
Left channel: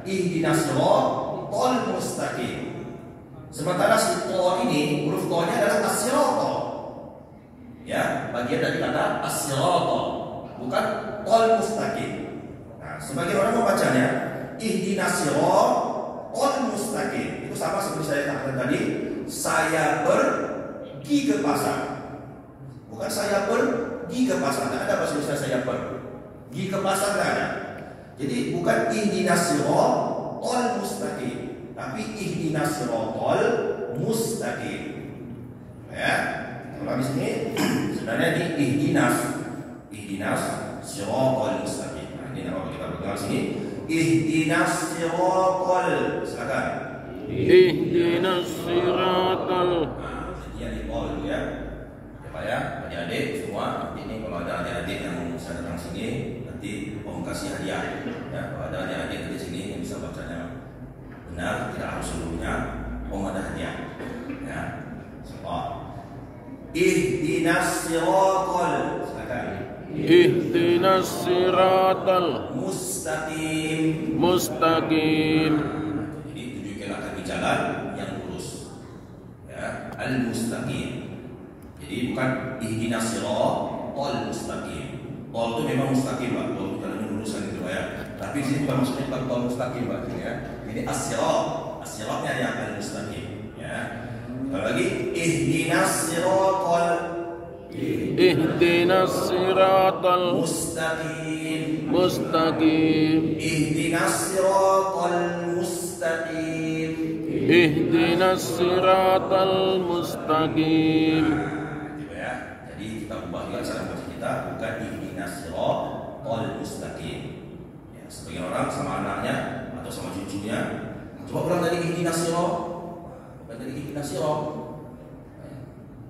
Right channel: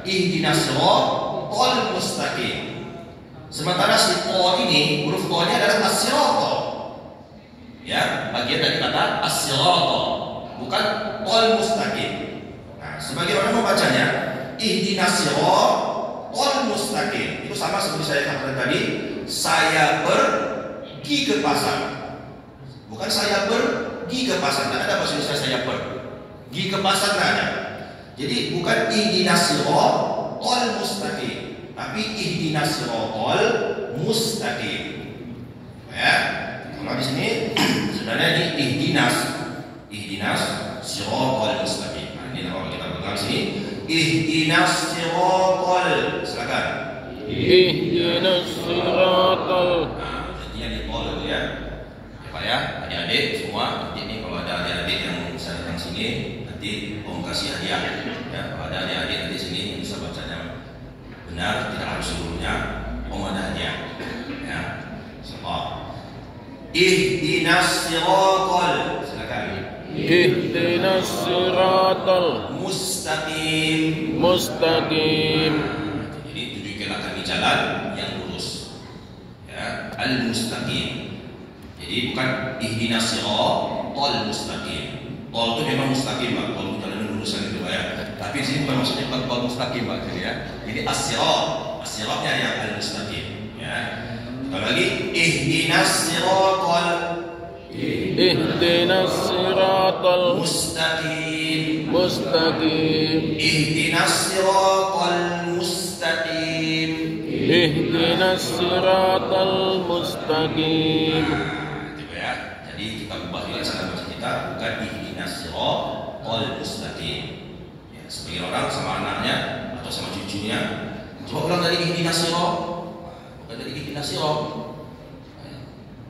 ihdinas sirat tol mustaqim. Sementara si to ini, huruf to-nya adalah as-sirat. Ya, bagian dari kata as-sirat, bukan tol mustaqim. Nah, sebagian orang membacanya ihdinas sirat tol mustaqim. Itu sama seperti saya katakan tadi, saya pergi ke pasar. Bukan saya pergi ke pasar, tidak ada bahasa Indonesia saya pergi ke pasar, tidak ada. Jadi bukan ihdinas siratal mustaqim, tapi ihdinas siratal mustaqim. Ya. Kalau di sini sebenarnya ini ihdinas siratal mustaqim. Nah, ini kalau kita pegang sini ihdinas siratal, silakan. Ihdinas siratal. Jadinya di tol itu ya. Ya Pak ya, adik-adik semua. Ini kalau ada adik-adik yang bisa datang sini, nanti Om kasih hadiah. Ya, kalau ada adik-adik nanti sini yang bisa bacanya benar, tidak harus seluruhnya, Om ada hadiah. Ya. Sebab ihdinas siratal, silakan. Ihdinas siratal Mustaqim. mustaqim. Jadi tunjukkanlah kami jalan yang lurus. Ya, al-mustaqim. Jadi bukan ihdinas siratal mustaqim. Tol itu memang mustaqim, Pak. Tol itu jalan lurusan itu, Pak ya. Tapi di sini bukan maksudnya bukan tol mustaqim, Pak, sini ya. Jadi as-siratnya yang al-mustaqim, ya. Sekali lagi ihdinas siratal Ihdinas siratal mustaqim. mustaqim. Ihdinas siratal mustaqim. Ihdinas siratal mustaqim. Gitu ya. Jadi kita ubah juga cara baca kita, bukan ihdinas siratal mustaqim. Ya, sebagian orang sama anaknya atau sama cucunya, coba ulang dari ihdinas siratal. Bukan dari ihdinas siratal.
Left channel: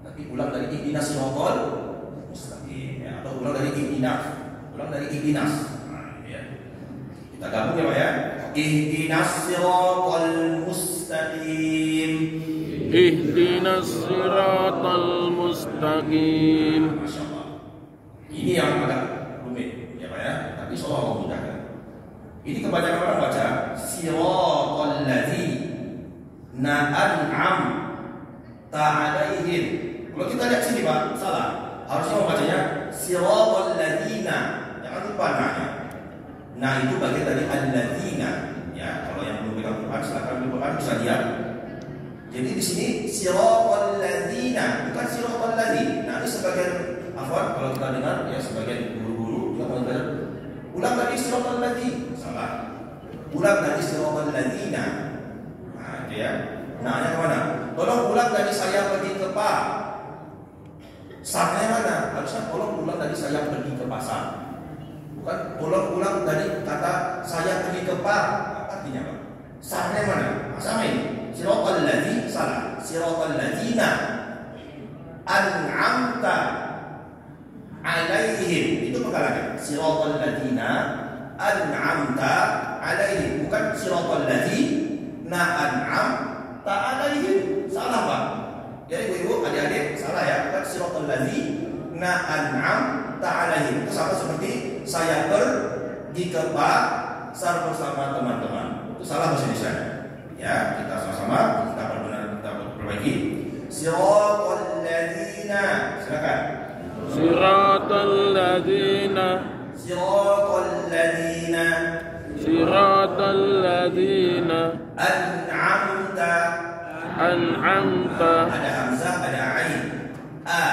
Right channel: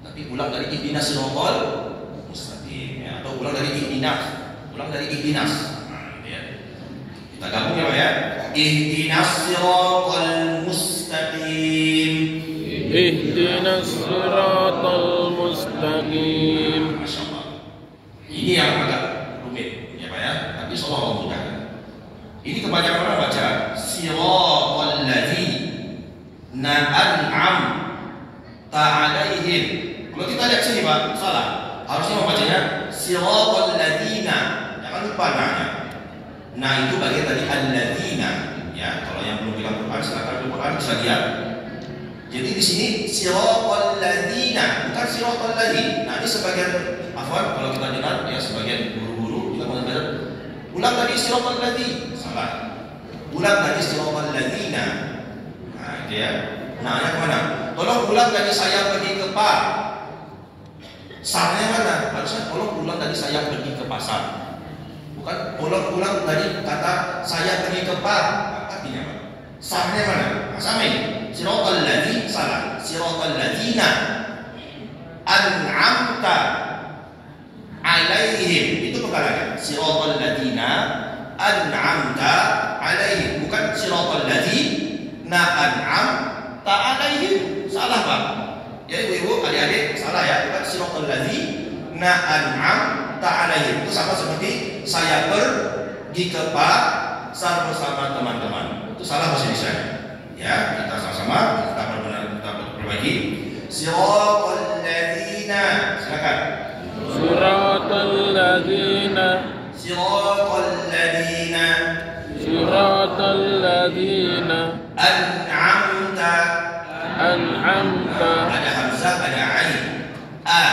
Tapi ulang dari ihdinas siratal mustaqim, ya, atau ulang dari ihdinas. Nah, ya. Kita gabung ya Pak ya. Ihdinas siratal mustaqim. Ihdinas siratal mustaqim. Masya Allah. Ini yang agak rumit ya Pak ya. Tapi insya Allah memudahkan. Ini kebanyakan orang baca siratal ladzina an'amta 'alaihim. Kalau kita lihat sini Pak, salah. Harusnya membacanya siratal ladzina. Jangan lupa nanya. Nah itu bagian dari alladzina. Ya, kalau yang belum bilang Quran silakan buka Quran bisa lihat. Jadi di sini siratal ladzina, bukan siratal ladzi. Nah ini sebagian afwan kalau kita dengar ya sebagian guru-guru juga mengatakan ulang dari siratal ladzi. Salah. Ulang dari siratal ladzina. Nah itu ya. Nah kemana? Tolong ulang dari saya pergi ke Pak. Sarnya mana? Harusnya tolong ulang dari saya pergi ke pasar. Bukan tolong ulang dari kata saya pergi ke Pak. Artinya apa? Sarnya mana? Nah, sama ini. Siratal ladzi salah. Siratal ladzina an'amta 'alaihim. Itu penggalangan. Siratal ladzina an'amta 'alaihim. Bukan siratal ladzina an'amta 'alaihim. Salah Pak. Ya ibu-ibu, adik-adik, salah ya. Bukan siratal ladzina an'amta 'alaihim. Itu sama seperti saya pergi ke pasar bersama teman-teman. Itu salah bahasa Indonesia. Ya, kita sama-sama kita perbaiki. Siratal ladzina, silakan. Siratal ladzina. Siratal ladzina. Siratal ladzina. An'amta. Ada hamzah, ada ain. A.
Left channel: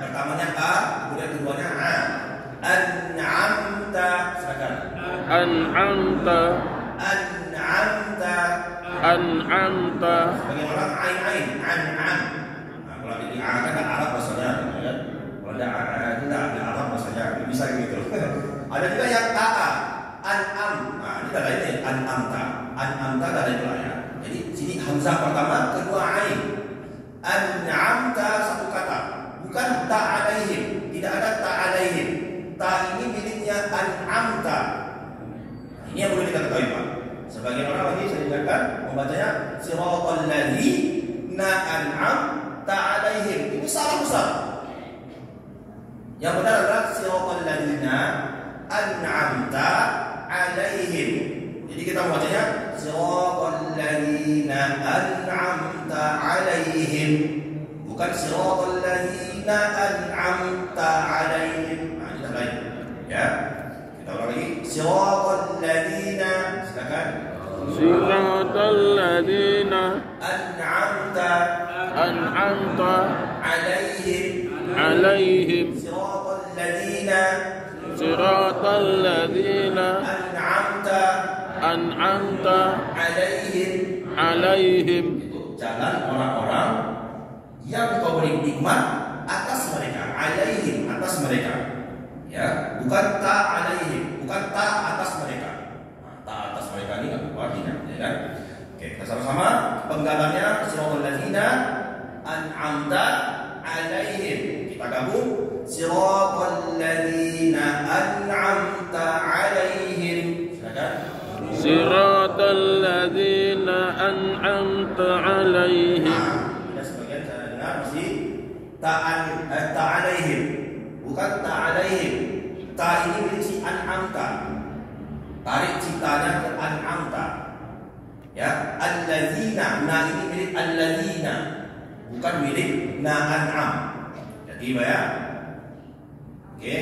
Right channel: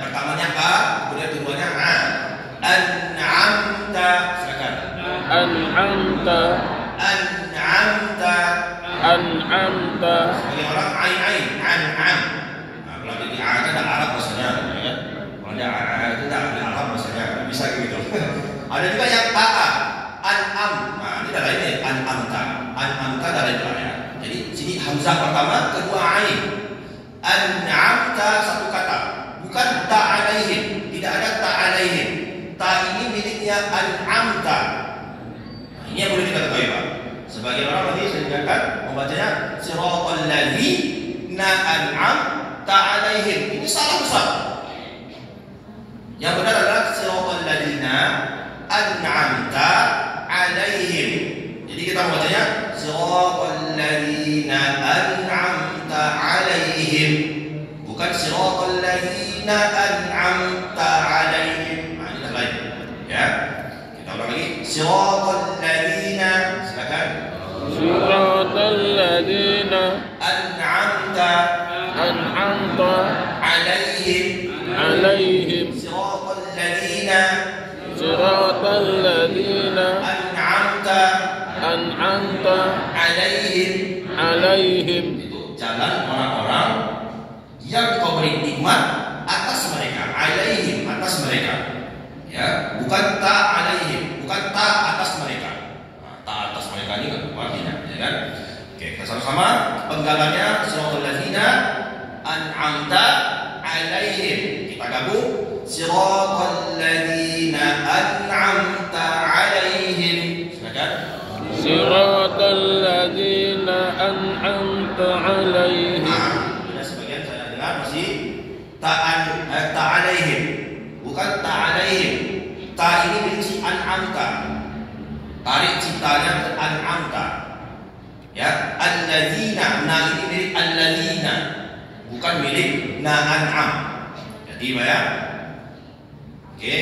Pertamanya a, kemudian keduanya a. An'amta, silakan. An'amta. Sebagai orang ain, an'am. Nah, kalau jadi a kan ada Arab bahasanya, ya. Kalau ada a itu ada Arab bahasanya, bisa gitu. Ada juga yang a, an'am. Nah, ini ada lainnya, an'amta. An'amta ada lain ya. Jadi sini hamzah pertama, kedua ain. An'amta satu kata, bukan ta'alaihim. Tidak ada ta'alaihim. Ta ini miliknya an'amta. Ini yang boleh kita ketahui Pak. Sebagian orang tadi saya ingatkan membacanya siratal ladzina an'amta 'alaihim. Ini salah besar. Yang benar adalah siratal ladzina an'amta 'alaihim. Jadi kita membacanya siratal ladzina an'amta 'alaihim. Bukan siratal ladzina an'amta 'alaihim. Nah, ini lain. Ya. Kita ulang lagi. Siratal ladzina, silakan. Siratal ladzina An'amta 'alaihim. Siratal ladzina Siratal ladzina an'amta alaihim. Itu jalan orang-orang yang kau beri nikmat atas mereka. Alaihim, atas mereka. Ya, bukan ta alaihim, bukan ta atas mereka. Nah, ta atas mereka ini kan artinya, ya kan? Oke, kita sama-sama penggalannya siratal ladzina an'amta alaihim. Kita gabung siratal ladzina an'amta alaihim. Silakan. Siratal ladzina an'amta alaihim. Ada sebagian saya dengar masih ta alaihim. Bukan ta alaihim. Ta ini milik si an'amta. Tarik ciptanya ke an'amta. Ya, alladzina, na ini milik alladzina, bukan milik na an'am. Jadi ya. Oke,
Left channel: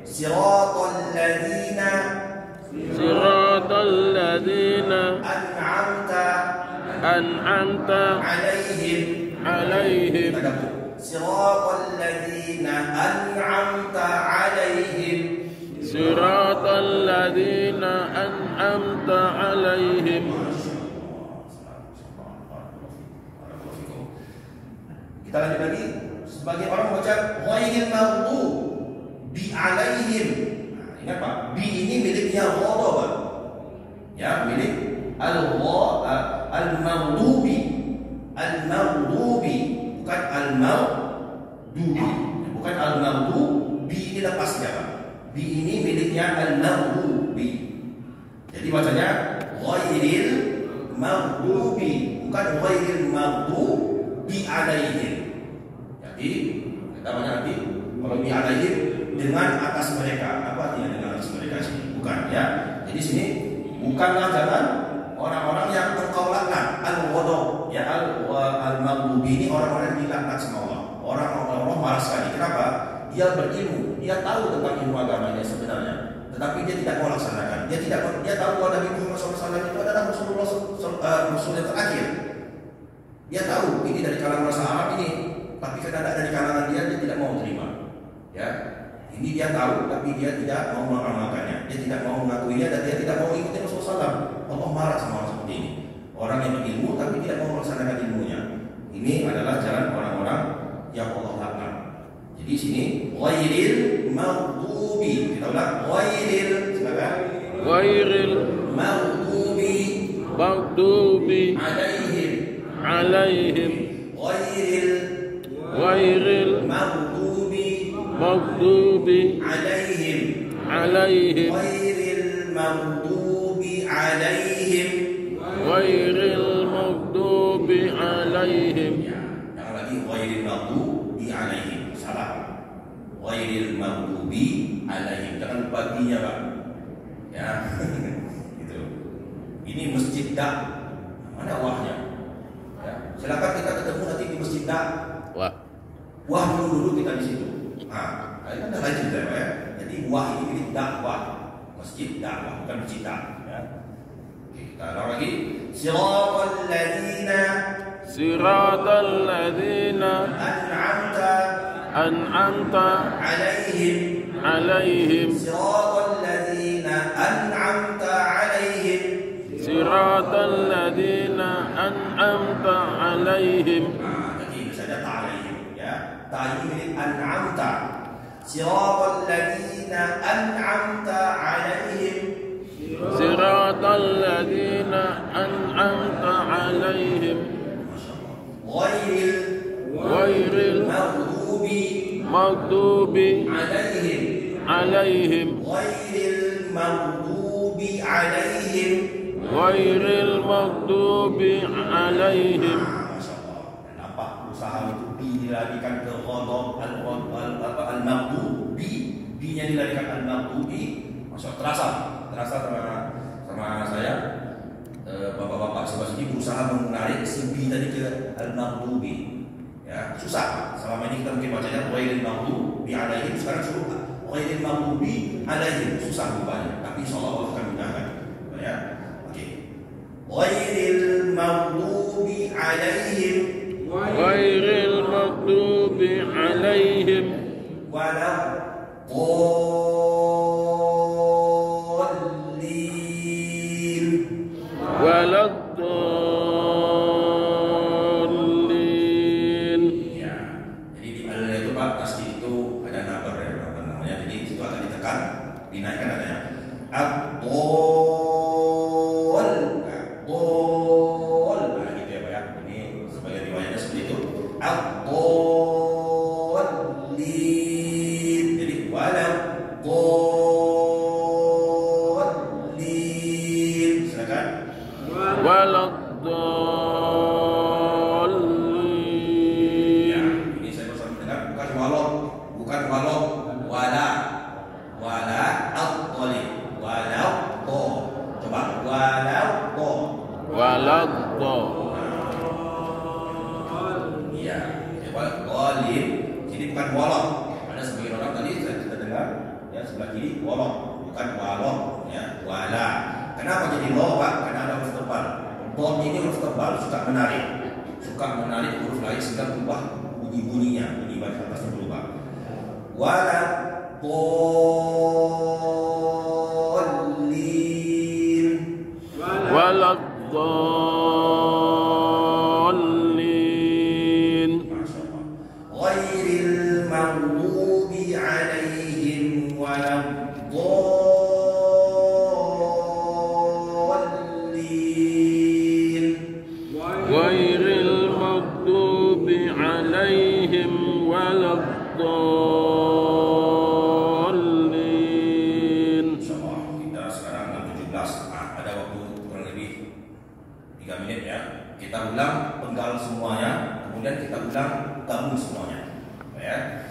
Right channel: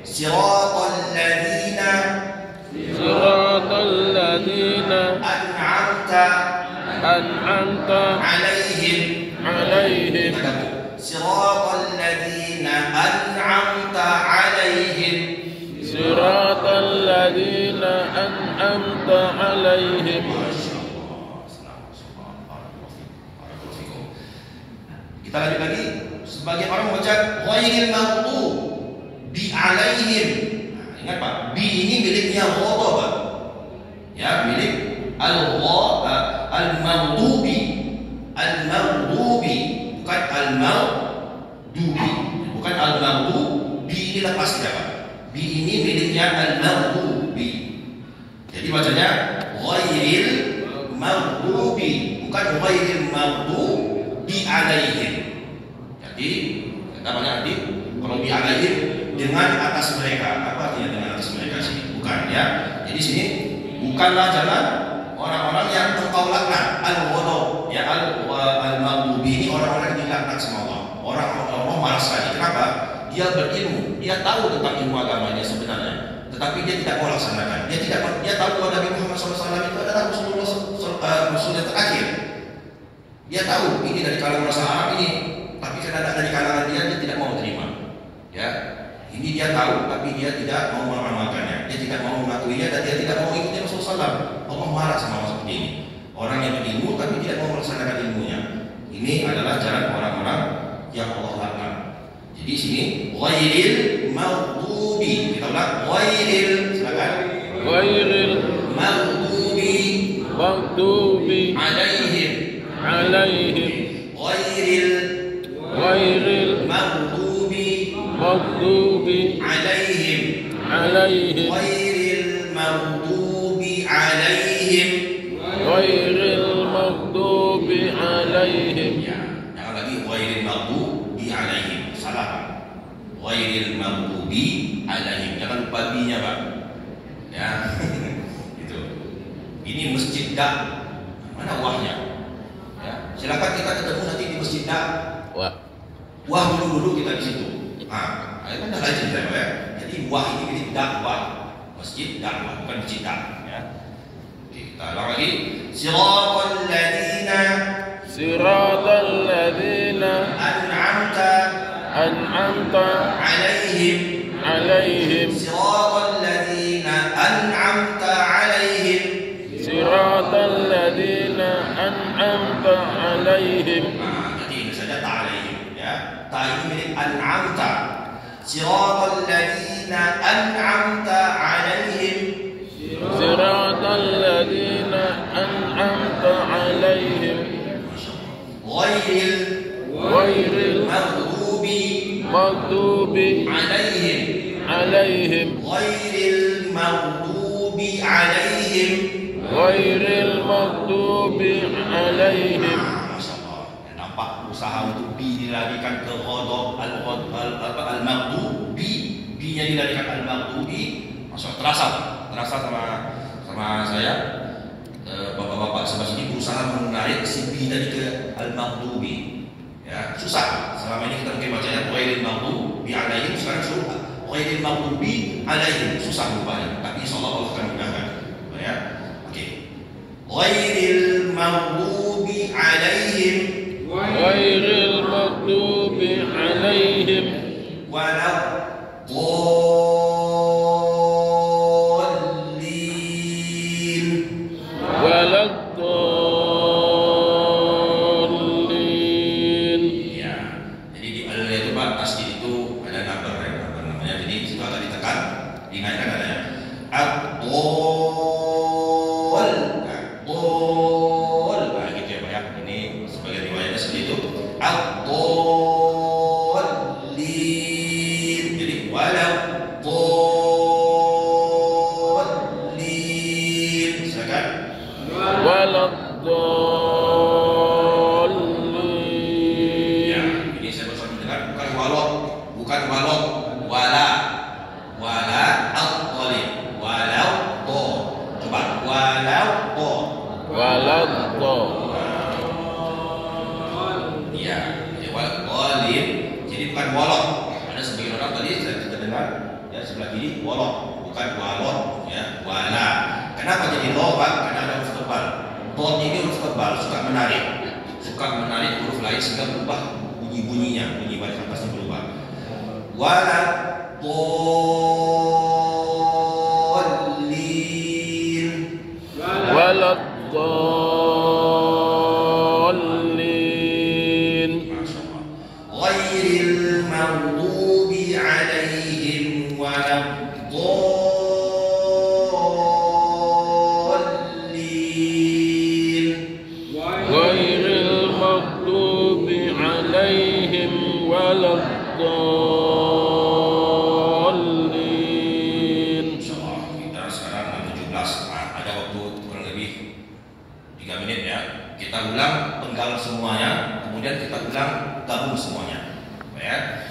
siratal ladzina an'amta alaihim. Siratal ladzina an'amta alaihim. Siratal ladzina an'amta alaihim. Kita lanjut lagi. Sebagian orang membaca ghairil maghdubi alaihim. Nah, ingat Pak, bi ini miliknya Allah Pak. Ya, milik al-maghdubi. Al-maghdubi, bukan al-maghdubi. Bukan al-maghdubi, ini lepas dia Pak. Bi ini miliknya al-maghdubi. Jadi bacanya ghairil maghdubi, bukan ghairil maghdubi alaihim. Jadi kita banyak nanti kalau bi alaihim dengan atas mereka. Apa artinya dengan atas mereka sini? Bukan ya. Jadi sini bukanlah jalan orang-orang yang engkau laknat, al-ghadab ya, al-maghdubi ini orang-orang yang dilaknat sama Allah. Orang-orang marah sekali. Kenapa? Dia berilmu, dia tahu tentang ilmu agamanya sebenarnya, tetapi dia tidak mau laksanakan. Dia tahu bahwa Nabi Muhammad SAW itu adalah Rasul yang terakhir. Dia tahu ini dari kalangan orang Arab ini, tapi karena dari kalangan dia tidak mau terima. Ya, ini dia tahu, tapi dia tidak mau mengamalkannya. Dia tidak mau mengakuinya dan dia tidak mau ikuti Rasulullah SAW. Allah marah sama orang seperti ini. Orang yang berilmu tapi tidak mau melaksanakan ilmunya. Ini adalah jalan orang-orang yang Allah laknat. Jadi sini ghairil maghdubi. Kita ulang ghairil, silakan. Ghairil maghdubi alaihim. Ghairil maghdubi alaihim. Ghairil maghdubi alaihim. Ya, jangan lagi ghairil maghdubi alaihim. Salah. Ghairil maghdubi alaihim. Jangan lupa bi-nya, Pak. Ya. Itu. Ini masjid dak. Mana wahnya? Ya. Silakan kita ketemu nanti di masjid dak. Wah dulu kita di situ. Nah, itu kan ada cerita ya. Jadi wah ini milik dakwah. Masjid dakwah, bukan masjid dak. Ya. Oke, kita ulang lagi. Siratal ladzina an'amta alaihim. Siratal ladzina an'amta alaihim. Jadi ini saja ta alaihim ya. Ta ini milik an'amta. Siratal ladzina an'amta alaihim. Siratal ladzina an'amta alaihim. Ghairil maghdubi alaihim. Ghairil maghdubi alaihim. Masyaallah. Nampak usaha untuk bi dilarikan ke ghadab al-maghdubi. Bi-nya dilarikan al-maghdubi. Masyaallah terasa sama saya. Bapak-bapak sebelah sini berusaha menarik si bi tadi ke al-maghdubi. Ya, susah. Selama ini kita mungkin bacanya ghairil maghdubi alaihim, sekarang suruh ghairil maghdubi alaihim, susah rupanya. Tapi insyaallah Allah akan mudahkan. Ya. Oke. Ghairil maghdubi alaihim. Ghairil maghdubi alaihim. Waladdallin. Iya, walin. Jadi bukan walon. Ada sebagian orang tadi kita dengar ya sebelah kiri walon, bukan walon ya, wala. Kenapa jadi lo Pak? Karena ada huruf tebal. Don ini huruf tebal, suka menarik huruf lain sehingga berubah bunyinya, bunyi bacaan pasti berubah. Wala dolin. Waladdallin. Ghairil maghdubi alaihim waladdallin. Ghairil maghdubi alaihim waladdallin. Insyaallah kita sekarang 17. Ada waktu kurang lebih 3 menit ya. Kita ulang penggal semuanya, kemudian kita ulang gabung semuanya. Ya.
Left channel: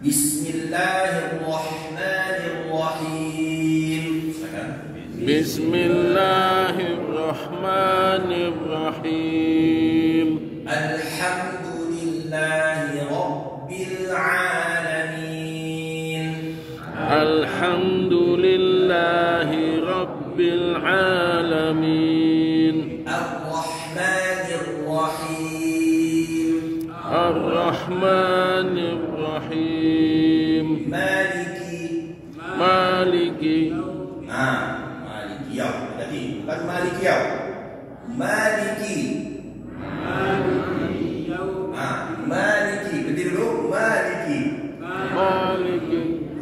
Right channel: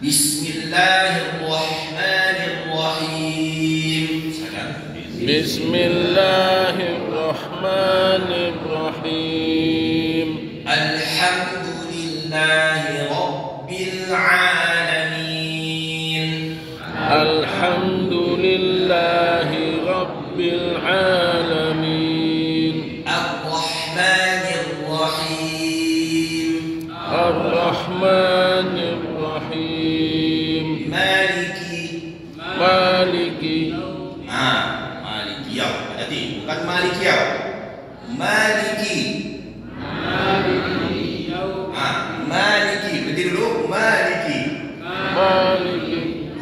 Bismillahirrahmanirrahim. Silakan. Bismillahirrahmanirrahim. Alhamdulillahi rabbil alamin. Alhamdulillahi rabbil alamin. Ar-Rahmanir-Rahim. Ar-Rahmanir-Rahim. Maliki. Maliki yaum. Hati, bukan Maliki yaum. Maliki. Maliki. Berhenti dulu. Maliki.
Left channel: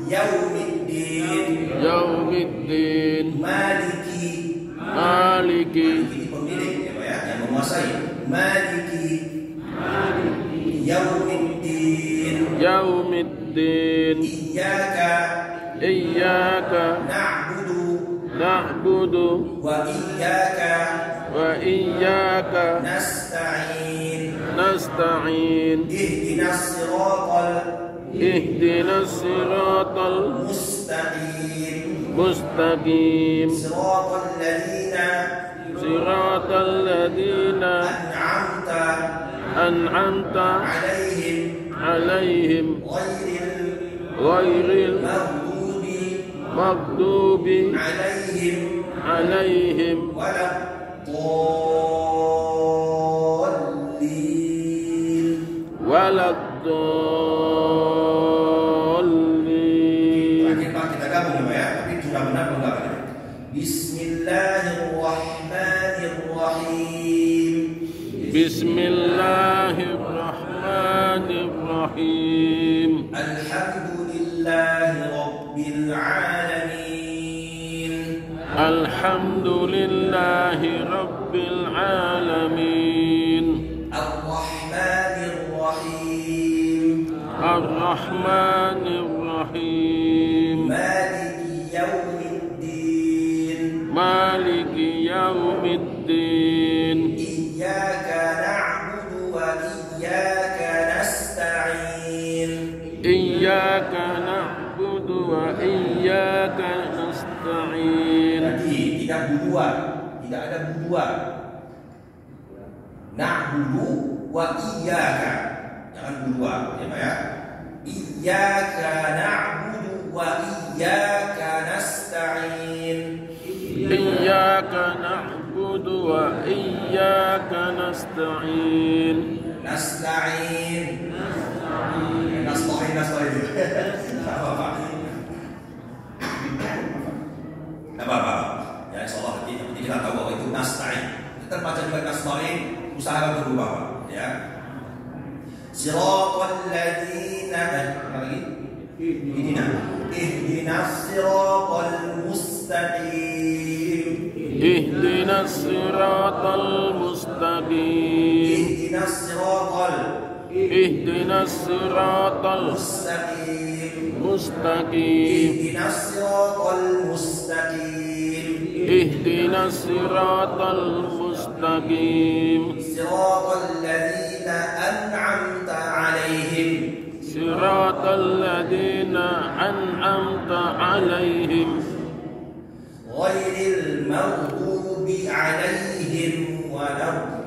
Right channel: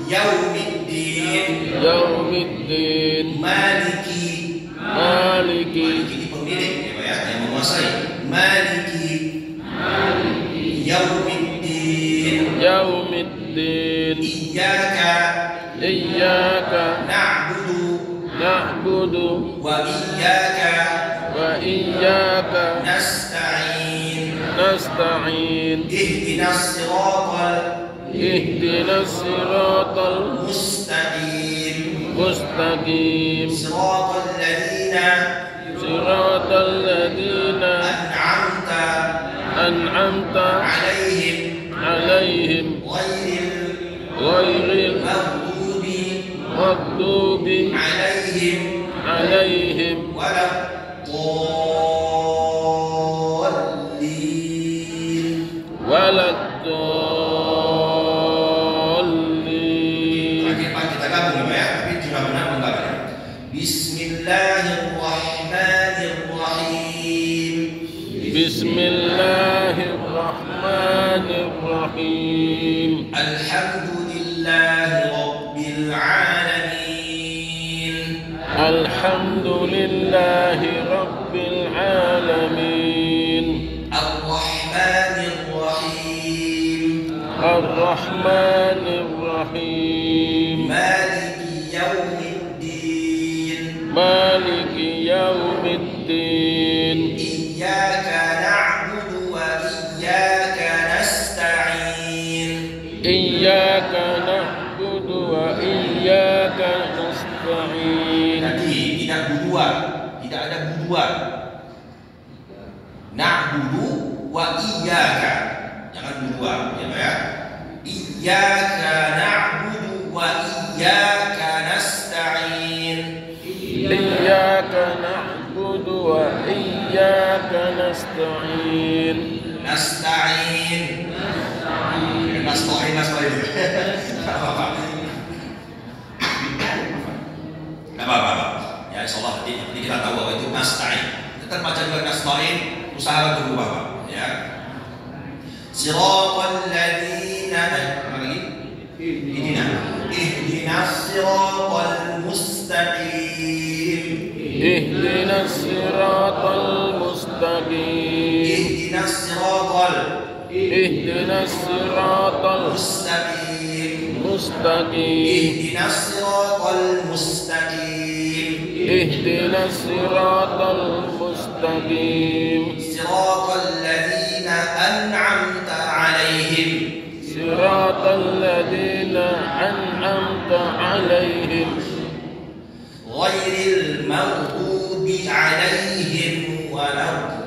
Yaumiddin. Yaumiddin. Maliki. Maliki. Ini pemilik ya, yang menguasai. Maliki. Yaumiddin. Yaumiddin. Iyyaka na'budu wa iyyaka nasta'in. Ihdinas siratal mustaqim. Siratal ladzina an'amta alaihim ghairil maghdubi alaihim waladdallin. Terakhir Pak, kita gabung ya, tapi sudah benar penggalannya. Bismillahirrahmanirrahim. Bismillahirrahmanirrahim. Alhamdulillahi rabbil alamin. Alhamdulillahi rabbil alamin. Ar-Rahmanir-Rahim. Ar-Rahmanir-Rahim. Maliki yaumiddin. Maliki yaumiddin. Iyyaka na'budu wa iyyaka nasta'in. Iyyaka na'budu wa iyyaka nasta'in. Jadi tidak buduan, tidak ada buduan. Na'budu wa iyyaka. Jangan buduan, ya Pak ya. Iyyaka na'budu wa iyyaka nasta'in. Iyyaka na'budu wa iyyaka nasta'in. Nasta'in. Nasta'in. Enggak apa-apa. Enggak apa-apa. Ya insyaallah nanti kita tahu bahwa itu nasta'in. Tetap baca juga nasta'in, usahakan untuk berubah, Pak. Ya. Siratal ladzina apa lagi? Ihdinas siratal mustaqim. Ihdinas siratal mustaqim. Ihdinas siratal mustaqim. Ihdinas siratal mustaqim. Ihdinas siratal mustaqim. Siratal ladzina an'amta 'alaihim. Siratal ladzina an'amta 'alaihim. Ghairil maghdubi 'alaihim waladdallin.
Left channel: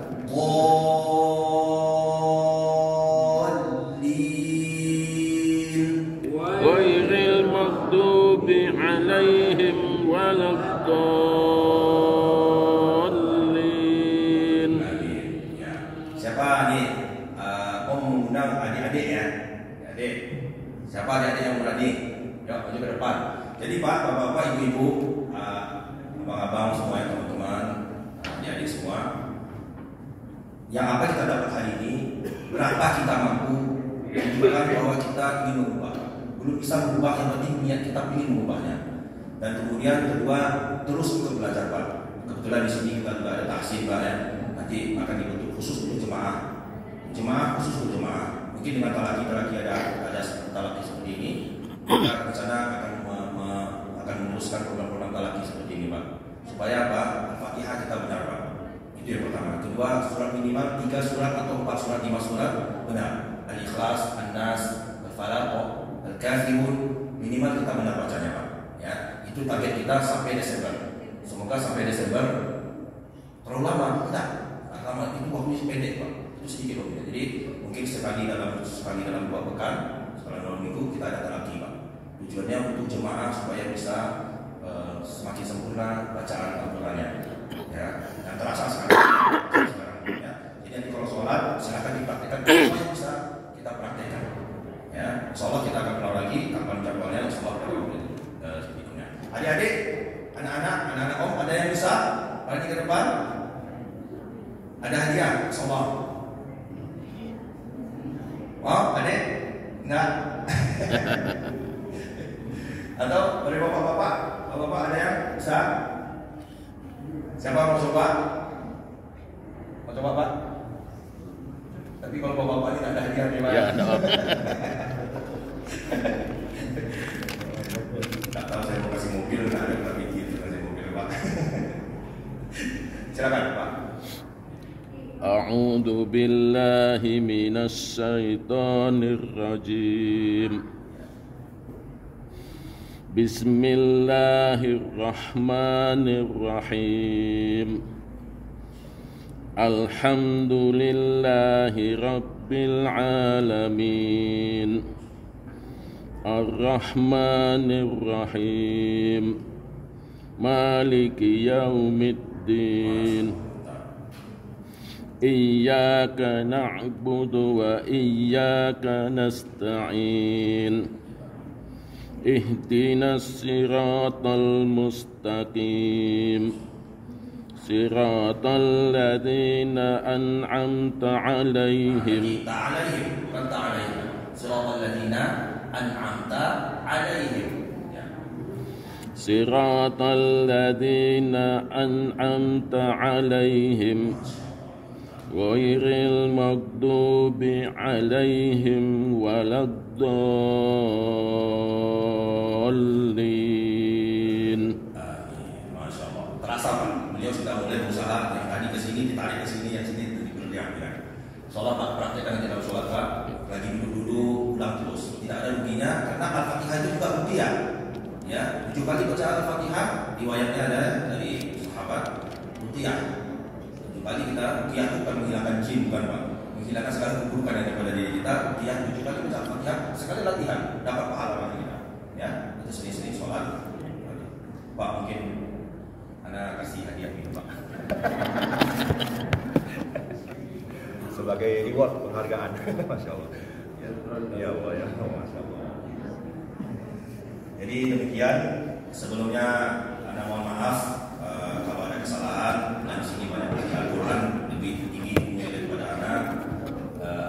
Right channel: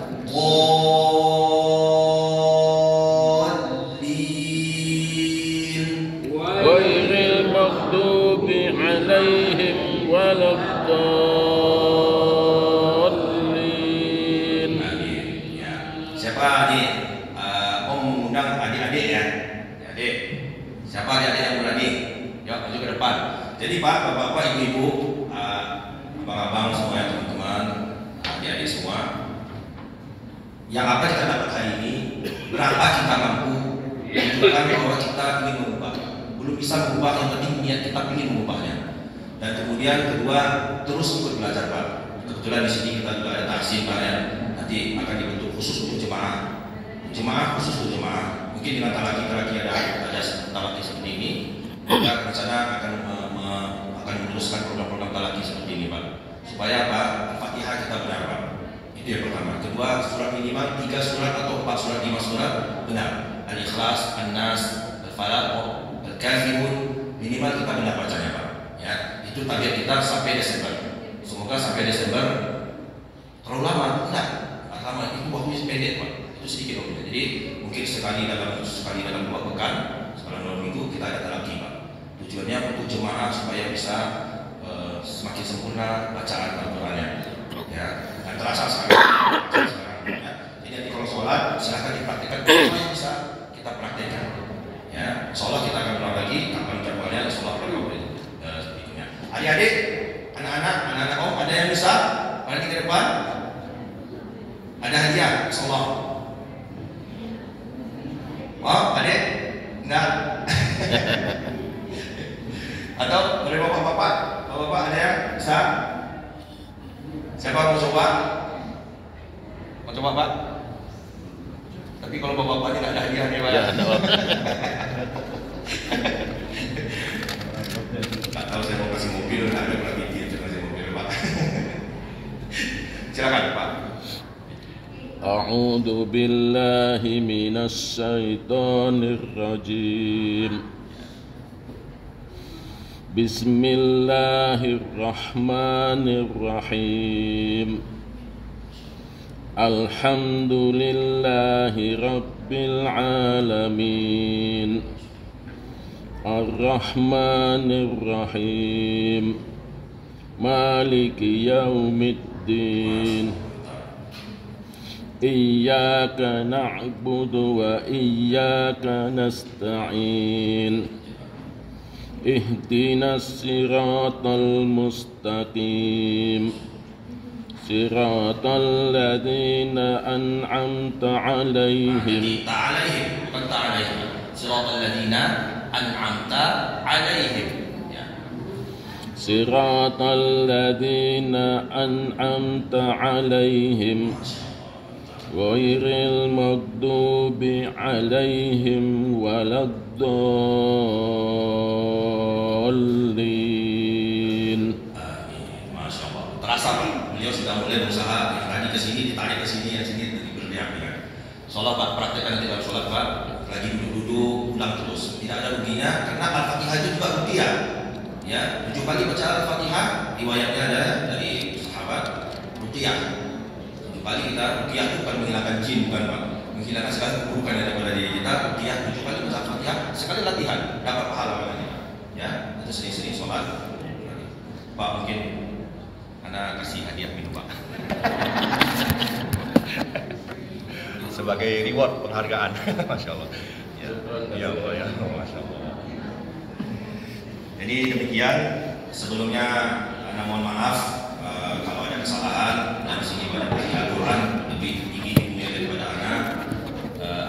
siapa nih Om mengundang adik-adik ya? Adik. Siapa adik-adik yang berani? Yuk maju ke depan. Jadi Pak, Bapak-bapak, Ibu-ibu, abang-abang semuanya, teman-teman, adik-adik semua, yang apa kita dapat hari ini, berapa kita mampu menunjukkan bahwa kita ingin mengubah. Belum bisa mengubah, yang penting niat kita ingin mengubahnya. Dan kemudian kedua, terus ikut belajar Pak. Kebetulan di sini kita juga ada taksih Pak ya. Nanti akan dibentuk khusus untuk jemaah khusus untuk jemaah. Mungkin dengan talaki ada talaki seperti ini, kita rencana akan meneruskan program-program talaki seperti ini Pak. Supaya Pak, Al-Fatihah kita benar Pak. Itu yang pertama. Kedua, surat minimal 3 surat atau 4 surat, 5 surat benar. Al-Ikhlas, An-Nas, Al-Falaq, Al-Kafirun, minimal kita benar bacanya Pak. Ya, itu target kita sampai Desember. Semoga sampai Desember. Terlalu lama, enggak. Lama itu waktunya pendek Pak. Itu sedikit waktunya. Jadi mungkin sekali dalam 2 pekan, sekarang 2 minggu kita ada talaki Pak. Tujuannya untuk jemaah supaya bisa semakin sempurna bacaan Al-Qur'annya. Ya, dan terasa sekarang. Ya. Jadi nanti kalau sholat silakan dipraktikkan, semuanya bisa kita praktekkan. Ya, insyaallah kita akan keluar lagi kapan jadwalnya, insyaallah program berikutnya. Adik-adik, anak-anak Om, ada yang bisa? Mari ke depan. Ada hadiah, insyaallah. Oh, adik? Enggak. Atau boleh bapak-bapak? Bapak-bapak ada yang bisa? Siapa mau coba? Mau coba Pak? Tapi kalau bapak-bapak tidak ada hadiah Pak. Ya, no. Tak tahu saya mau kasih mobil, tak ada berapa pikir kasih mobil Pak. Silakan Pak. A'udzu billahi minasy syaithanir rajim. Bismillahirrahmanirrahim. Alhamdulillahi rabbil alamin. Ar-Rahmanir Rahim. Maliki yaumiddin. Iyyaka na'budu wa iyyaka nasta'in. Ihdinas siratal mustaqim. Siratal ladzina an'amta 'alaihim. Bukan ta'alaihim. Siratal ladzina an'amta 'alaihim. Siratal ladzina an'amta 'alaihim. Ghairil maghdubi 'alaihim waladdallin. Masya Allah. Terasa Pak, beliau sudah mulai berusaha yang tadi ke sini, ditarik ke sini, yang sini diperlihatkan. Sholat Pak, praktekkan nanti dalam sholat Pak. Lagi duduk-duduk, ulang terus. Tidak ada ruginya, karena Al-Fatihah itu juga rupiah. Ya, 7 kali baca Al-Fatihah, riwayatnya ada dari sahabat rupiah. 7 kali kita rupiah itu bukan menghilangkan jin, bukan Pak. Menghilangkan segala keburukan yang ada pada diri kita. Rupiah 7 kali baca Al-Fatihah, sekali latihan, dapat pahala namanya. Ya, itu sering-sering sholat. Pak, mungkin Anda kasih hadiah minum Pak. Sebagai reward penghargaan. Masya Allah. Ya Allah ya, Masya Allah. Jadi demikian, sebelumnya Anda mohon maaf kalau ada kesalahan. Dan di sini banyak Al-Quran lebih tinggi ilmunya daripada anak.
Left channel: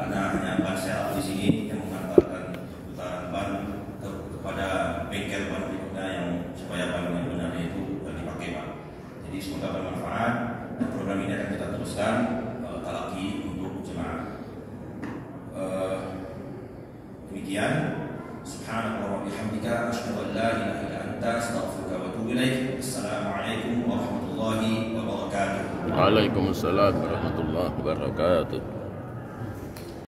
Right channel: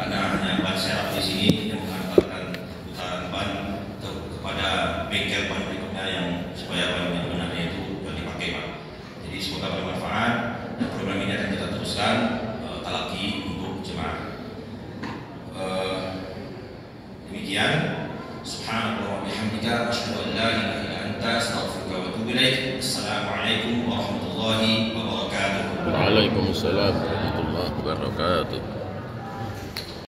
Anak hanya ban serap di sini yang mengantarkan putaran ban kepada bengkel ban berikutnya yang supaya ban yang benarnya itu dipakai Pak. Jadi semoga bermanfaat dan program ini akan kita teruskan talaki untuk jemaah. Demikian. Subhanallah wa bihamdika asyhadu an la ilaha illa anta astaghfiruka wa atubu ilaik. Assalamualaikum warahmatullahi wabarakatuh. Waalaikumsalam warahmatullahi wabarakatuh.